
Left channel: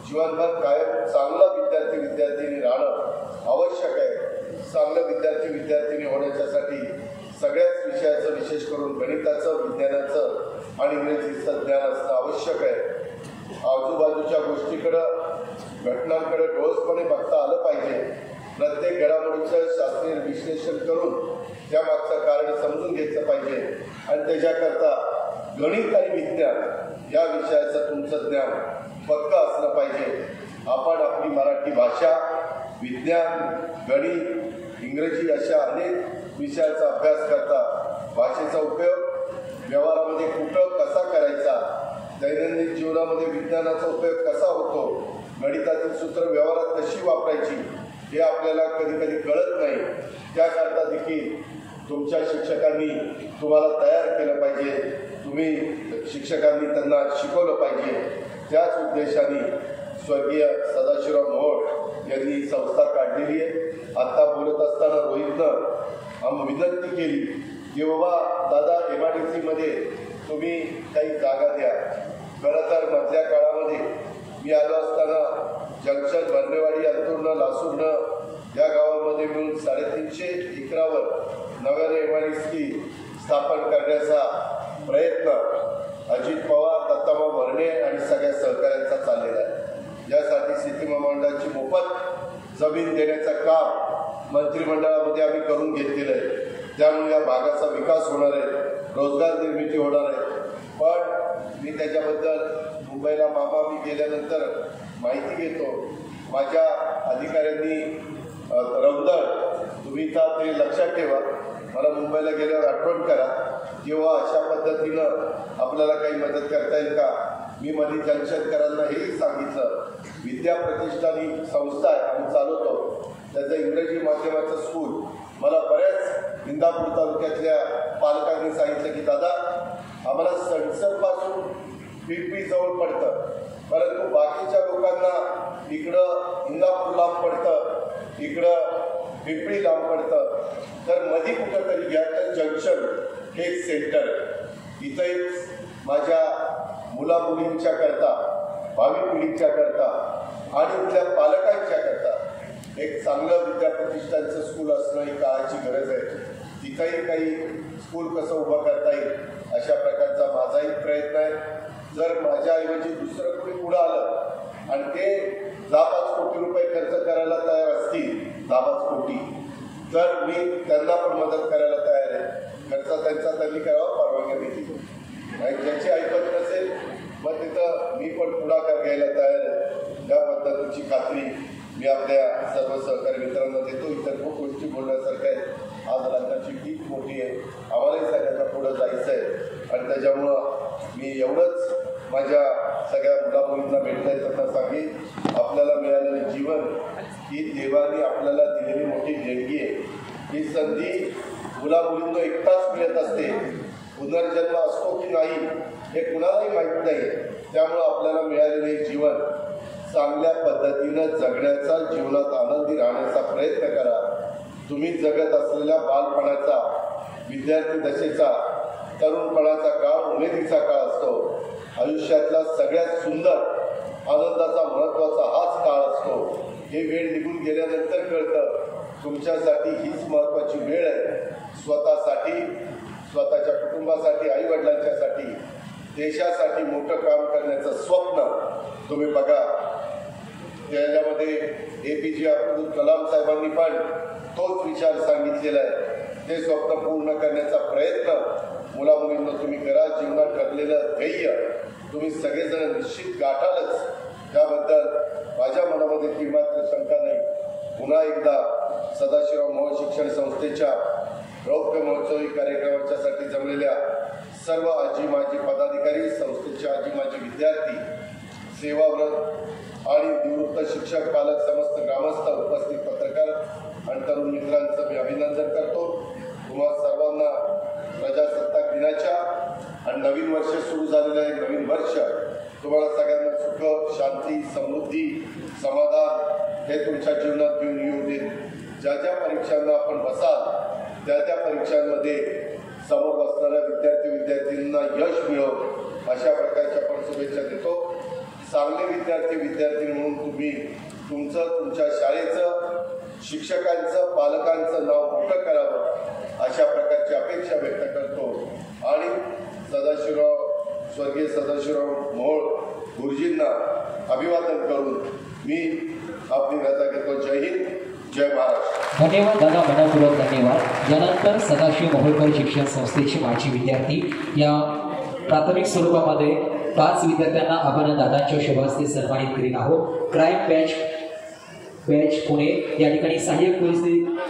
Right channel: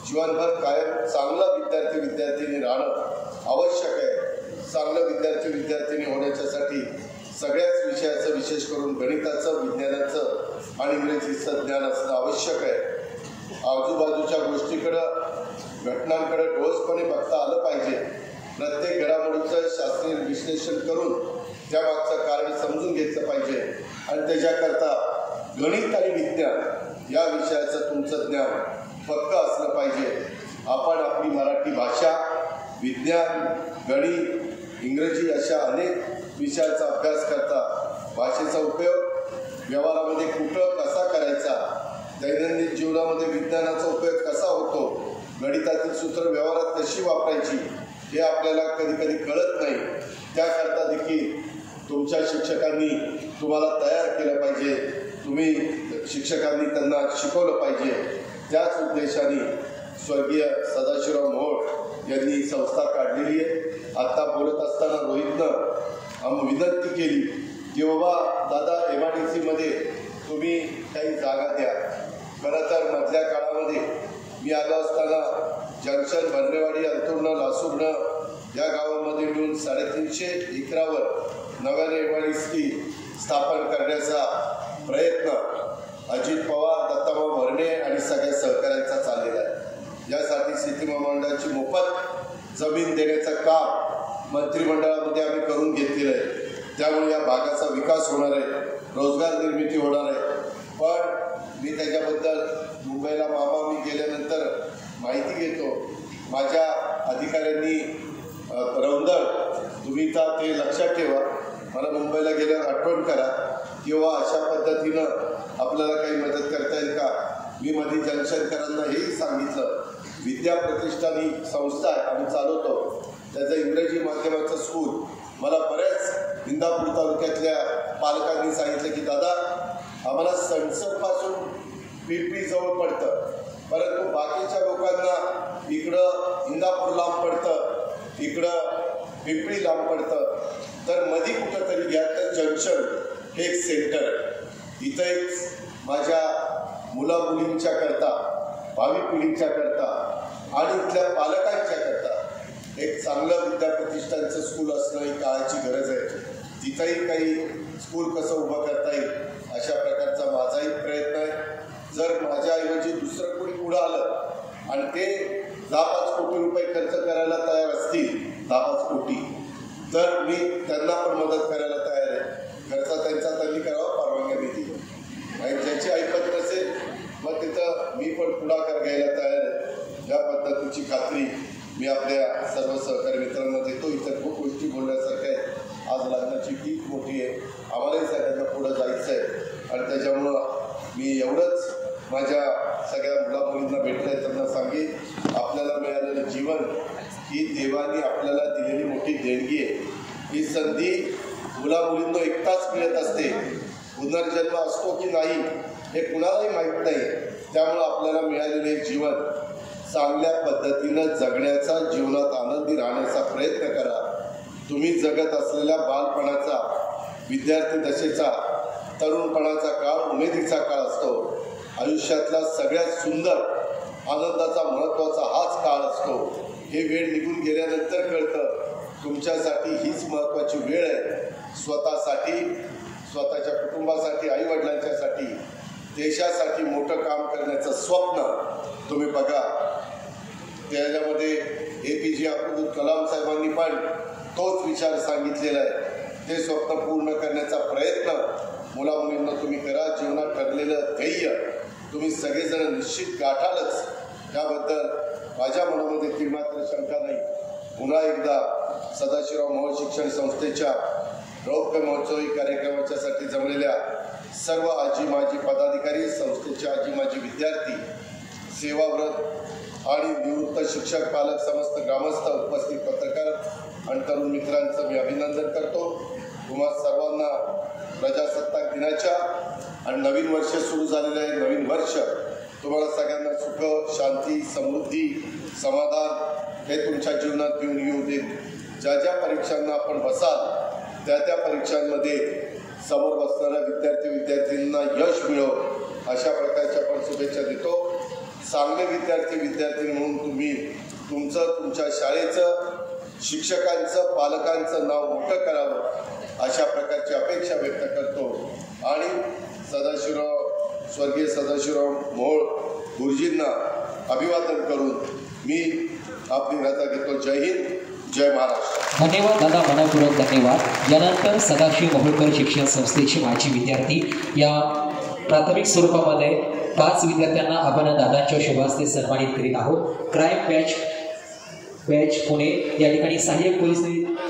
जीवनभर कायम चांगला विद्यार्थी राहणं आवश्यक आहे. चांगलं विद्यार्थी होण्याच्यासाठी सगळ्याच विषयाचं, विशेष करून गणिताचं, विज्ञानाचं आणि इंग्रजीचं ज्ञान असणं आवश्यक आहे. आजूबाजूच्या गोष्टीकडं, घटनांकडे ठोसपणे बघता आलं पाहिजे. प्रत्येक घडामोडीचं शास्त्रीय विश्लेषण करून त्यामागचं कारण समजून घेतलं पाहिजे आणि त्याच्याकरता गणित आणि विज्ञान या विषयाचं तुमचं ज्ञान पक्का असलं पाहिजे. आपण आपली मराठी भाषा, विज्ञान, गणित, इंग्रजी अशा अनेक विषयाचा अभ्यास करता, भाषेचा उपयोग व्यवहारामध्ये कुठं कसा करायचा, दैनंदिन जीवनामध्ये विज्ञानाचा उपयोग कसा होतो, गणितातील सूत्र व्यवहारात कशी वापरायची हे आपल्याला कधी कधी कळत नाही. त्याकरता देखील तुमच्या शिक्षकांनी तुम्हाला तयार केलं पाहिजे, तुम्ही शिक्षकांनी त्यांना शिकवलं पाहिजे. त्याच उद्देशाने स्वर्गीय सदाशिवराव मोहोळ यांनी संस्था काढलेली आहे. आता बोलत असताना रोहितनं विनंती केली की बाबा दादा MIDC तुम्ही काही जागा द्या. खरं तर मधल्या काळामध्ये मी आलो असताना जंक्शन, भरणेवाडी, अंतुर्न, लासूर्ण या गावामध्ये मिळून 350 एकरावर नव्याने MIDC स्थापन करण्याचा प्रयत्न अजित पवार, दत्ताभाऊ भरणे आणि सगळ्या सहकाऱ्यांचा चाललेला आहे. यासाठी शेती महामंडळाची मोफत जमीन देण्याचं काम मंत्रिमंडळामध्ये आम्ही करून घेतलेलं आहे. त्यामुळे या भागाचा विकास होणार आहे, रोजगार निर्मिती होणार आहे. पण मी त्याच्याबद्दल मुंबईला मामा मी गेल्यानंतर माहिती घेतो. माझ्या अधिकाऱ्यांनी रौंदळ तुम्ही तर ते लक्षात ठेवा, मला मुंबईला गेल्यावर आठवण करा किंवा अशा पद्धतीनं आपल्याला काही मदत करता येईल का. मी मध्ये जंक्शनकरांना हेही सांगितलं, विद्या प्रतिष्ठान ही संस्था आहे आम्ही चालवतो, त्याचं इंग्रजी माध्यमाचं स्कूल. मला बऱ्याच इंदापूर तालुक्यातल्या पालकांनी सांगितलं की दादा आम्हाला सणसरपासून पिंपरी जवळ पडतं, परंतु बाकीच्या लोकांना इकडं इंदापूर लांब पडतं, इकडं पिंपरी लांब पडतं, तर मध्ये कुठं तरी घ्या. तर जंक्शन हे एक सेंटर, इथं एक माझ्या मुलामुलींच्या करता, भावी पिढीच्या करता आणि इथल्या पालकांच्या करता एक चांगलं विद्या प्रतिष्ठानचं स्कूल असणं ही काळाची गरज आहे. तिथंही काही स्कूल कसं उभं करता येईल अशा प्रकारचा माझाही प्रयत्न आहे. जर माझ्याऐवजी दुसरं कोणी पुढं आलं आणि ते 10-5 कोटी रुपये खर्च करायला तयार असतील, 10-5 कोटी, तर मी त्यांना पण मदत करायला तयार आहे. खर्च त्यांनी करावा, परवानगी देतील. आणि ज्याची ऐकत नसेल मग तिथं मी पण पुढाकार घ्यायला तयार आहे. या पद्धतीची खात्री मी आपल्या सर्व सहकारी मित्रांना देतो. इतर खूप गोष्टी बोलण्यासारख्या आहेत. आज राज्याची टीप मोठी आहे, आम्हालाही सगळ्यांना पुढं जायचं आहे आणि त्याच्यामुळं मी एवढंच माझ्या सगळ्या मुलामुलींना भेटलं आहे त्यांना सांगेन, आपल्याला मिळालेलं जीवन ही देवाने आपल्याला दिलेली मोठी देणगी आहे. ही संधी मुलामुलींना एकटाच मिळत असते, पुनर्जन्म असतो की नाही हे कुणालाही माहीत नाही. त्यामुळं आपल्याला मिळालेले जीवन चांगल्या पद्धतीनं जगण्याचा, जीवनात आनंदी राहण्याचा प्रयत्न करा. तुम्ही जगत असलेल्या बालपणाचा, विद्यार्थी दशेचा, तरुणपणाचा काळ उमेदीचा काळ असतो. आयुष्यातला सगळ्यात सुंदर आनंदाचा, महत्त्वाचा हाच काळ असतो. हे वेळ निघून गेल्यानंतर कळतं तुमच्यासाठी हीच महत्त्वाची वेळ आहे. स्वतःसाठी, स्वतःच्या कुटुंबासाठी, आईवडिलांच्यासाठी, देशासाठी मोठं काम करण्याचं स्वप्न तुम्ही बघा. त्याच्यामध्ये APJ अब्दुल कलाम साहेबांनी पण तोच विचार सांगितलेला आहे. ते स्वप्न पूर्ण करण्याचा प्रयत्न मुलामुलींना तुम्ही करा. जीवनात ठरलेलं ध्येय तुम्ही सगळेजण निश्चित गाठालच, त्याबद्दल माझ्या मनामध्ये ती मात्र शंका नाही. पुन्हा एकदा सदाशिवराव मोहोळ शिक्षण संस्थेच्या रौप्य महोत्सवी कार्यक्रमाच्यासाठी जमलेल्या सर्व आजी माजी पदाधिकारी, संस्थेचे आजी माजी विद्यार्थी, सेवाव्रत आणि निवृत्त शिक्षक, पालक, समस्त ग्रामस्थ, उपस्थित पत्रकार आणि तरुण मित्रांचं मी अभिनंदन करतो. तुम्हा सर्वांना प्रजासत्ताक दिनाच्या आणि नवीन वर्ष सुरू झालेलं आहे, नवीन वर्ष तुम्हाला सगळ्यांना सुख, शांती, समृद्धी, समाधान हे तुमच्या जीवनात घेऊन येऊ देत. ज्या ज्या परीक्षांना आपण बसाल त्या त्या परीक्षांमध्ये समोर बसणाऱ्या विद्यार्थींना यश मिळो अशा प्रकारच्या पण शुभेच्छा देतो. चांगले विद्यार्थी म्हणून तुम्ही तुमच्या शाळेचं, शिक्षकांचं, पालकांचं नाव मोठं करावं अशा प्रकारची अपेक्षा व्यक्त करतो. आणि स्वर्गीय सदाशिवराव मोहोळ गुरुजींना अभिवादन करून मी आपली रजा घेतो. जय हिंद, जय महाराष्ट्र. धन्यवाद दादा, मनापूर्वक धन्यवाद. यानंतर सदाशिव मोहोळकर शिक्षण संस्थेचे माजी विद्यार्थी या प्राथमिक स्वरूपामध्ये 5 विद्यार्थ्यांना आपण दादांच्या शुभ हस्ते सन्मानित करीत आहोत. क्राईम बॅच बॅच पुणे या ठिकाणी सहाय्यक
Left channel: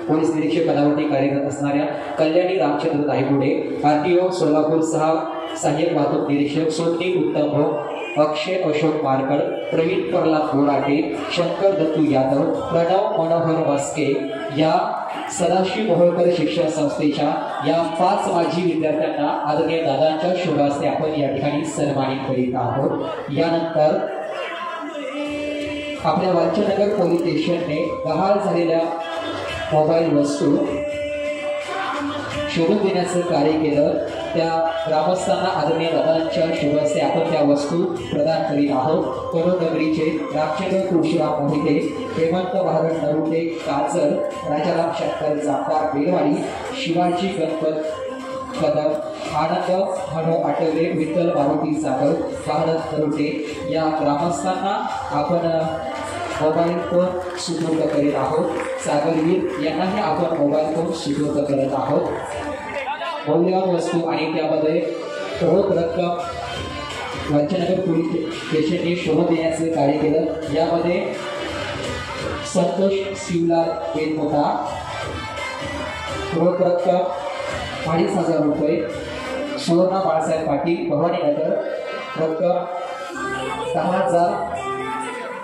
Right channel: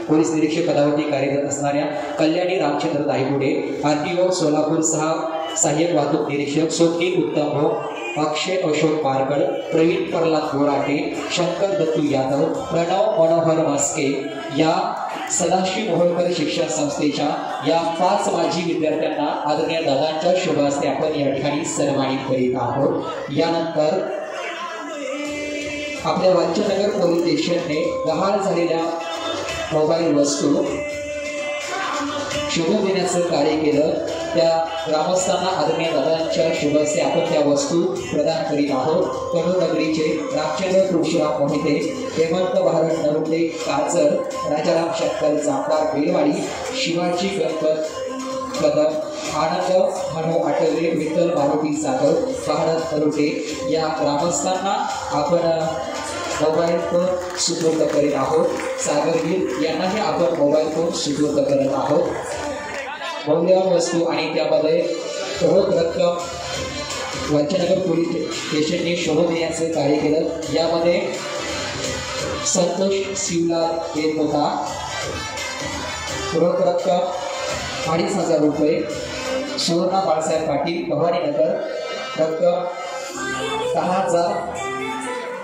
पोलीस निरीक्षक पदावरती कार्यरत असणाऱ्या कल्याणी रामचंद्र दायगुडे, RTO सोलापूर सहाय्यक वाहतूक निरीक्षक सोनकी उत्तम भोग, अक्षय अशोक मारकड, प्रवीण प्रल्हाद गोराटे, शंकर दत्तू यादव, प्रणव मनोहर मस्के या सदाशिव मोहोळकर शिक्षण संस्थेच्या या 5 माजी विद्यार्थ्यांना आदरणीय दादांच्या शुभ हस्ते आपण या ठिकाणी सन्मानित करीत आहोत। यानंतर आपल्या वांचनगर पोलीस स्टेशनने गहाळ झालेल्या मोबाईल वस्तू शोधून देण्याचं कार्य केलं। त्या ग्रामस्थांना आदरणीय दादांच्या शुभ हस्ते आपण त्या वस्तू प्रदान करीत आहोत। कडोनगरीचे रामचंद्र तुळशीराम मोहिते, हेमंत भारत नरुटे काजर, राजाराम शंकर जांभकार बेलवाडी, शिवाजी गणपत कदम, आनंद मनू आटवले, विठ्ठल मारुती सागर, भारत नरुटे या ग्रामस्थांना आपण मोबाईल फोन सुपूर्द करीत आहोत। सागरवीर यांनाही आपण मोबाईल फोन सुपूर्द करत आहोत। मौल्यवान वस्तू आणि त्यामध्ये रोख रक्कम वांचनगर पोलीस स्टेशनने शोधून देण्याचे कार्य केलं। यामध्ये संतोष शिवलाल बेनमोका, रोख रक्कम 2500 रुपये, सुवर्णा बाळासाहेब पाटील भवानीनगर रक्कम 10,000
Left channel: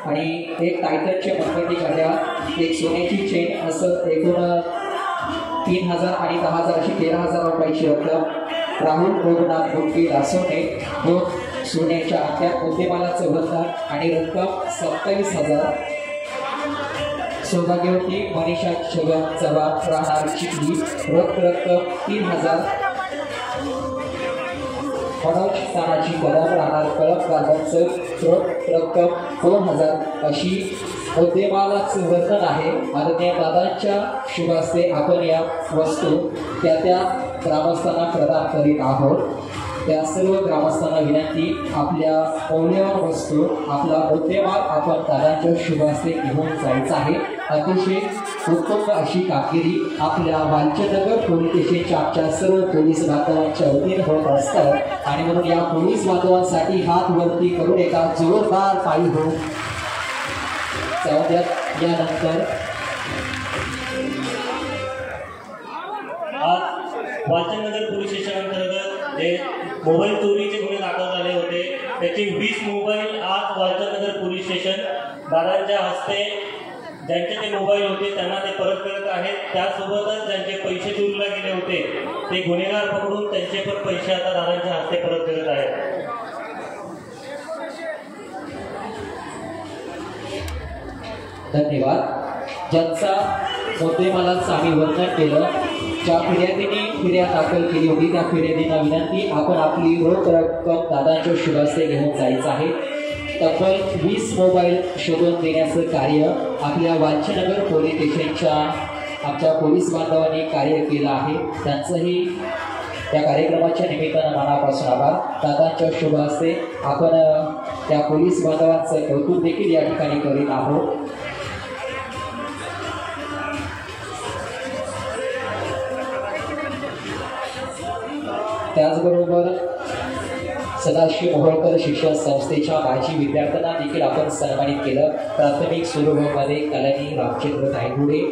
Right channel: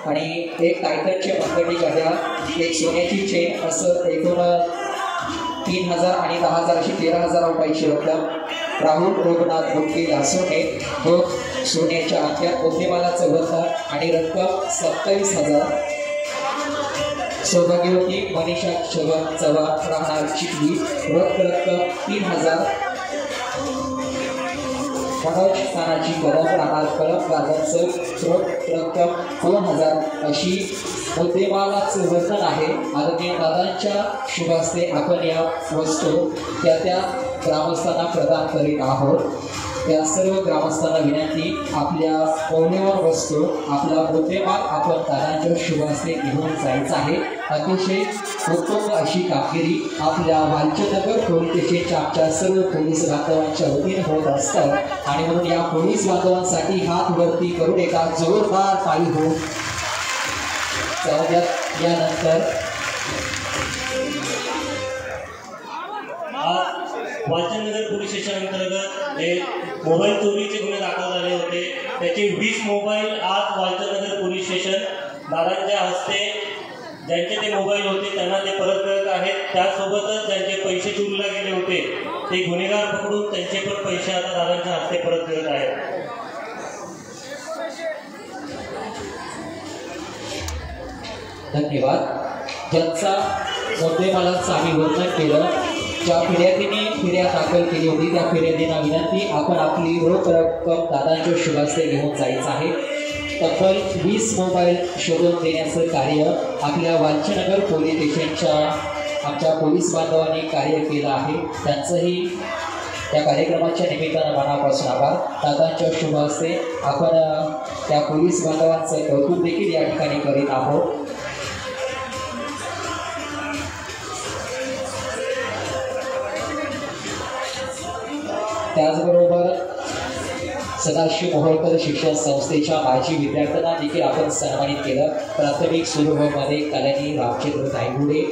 आणि एक टायटनचे मनगटी घड्याळ, एक सोन्याची चेन असं एकूण 3,000 आणि 10,000 अशी 13,000 रुपयाची रक्कम। राहुल रघुनाथ मुंडके लासोटे 2 सोन्याच्या अंगठ्या, मुद्देमालाचं वजन आणि रक्कम 27,000। सौभाग्यवती मनीषा शिवम चव्हाण राहणार चिखली, रोख रक्कम 3,000। मनोज तानाजी कदम राहणार कळप गार्डनचं, रोख रक्कम 2,000 अशी मुद्देमालाचं वजन आहे। आदरणीय दादांच्या शुभ हस्ते आपण या वस्तू त्या ग्रामस्थांना प्रदान करीत आहोत। त्या सर्व ग्रामस्थांना विनंती, आपल्या मौल्यवान वस्तू आपला मुद्देमाल आपण दादांच्या शुभ हस्ते घेऊन जायचं आहे। अतिशय उत्तम अशी कामगिरी आपल्या वांचनगर पोलीस स्टेशनच्या आमच्या सर्व पोलीस बांधवांच्या वतीने होत असतात आणि म्हणून या पोलीस बांधवांसाठी हात वरती करून एका जोरदार ताली हो यानंतर वांचनगर पोलीस स्टेशन अंतर्गत जे मोबाईल चोरीचे गुन्हे दाखल झाले होते त्याचे 20 मोबाईल आज वांचनगर पोलीस स्टेशन दादांच्या हस्ते ज्यांचे ते मोबाईल होते त्यांना ते परत करत आहेत। त्यासोबतच ज्यांचे पैसे चोरीला गेले होते ते गुन्हेगार पकडून त्यांचे पण पैसे आता दादांच्या हस्ते परत करत आहेत। धन्यवाद। ज्यांचा मुद्देमालाचं आम्ही वर्णन केलं, ज्या फिर्यादीने फिर्याद दाखल केली होती त्या फिर्यादींना विनंती, आपण आपली रोख रक्कम दादांच्या शुभ हस्ते घेऊन जायचं आहे। तब्बल 20 मोबाईल शोधून देण्याचं कार्य आपल्या वांचनगर पोलीस स्टेशनच्या आमच्या पोलीस बांधवांनी कार्य केलं आहे। त्यांचंही त्या कार्यक्रमाच्या निमित्तानं मनापासून आभार। दादांच्या शुभ हस्ते आपण त्या पोलीस बांधवांचं कौतुक देखील या ठिकाणी करीत आहोत। त्याचबरोबर सदाशिव मोहोळकर शिक्षण संस्थेच्या माजी विद्यार्थ्यांना देखील आपण सन्मानित केलं। प्राथमिक सुरू मध्ये कल्याणी रामचंद्र दायगुडे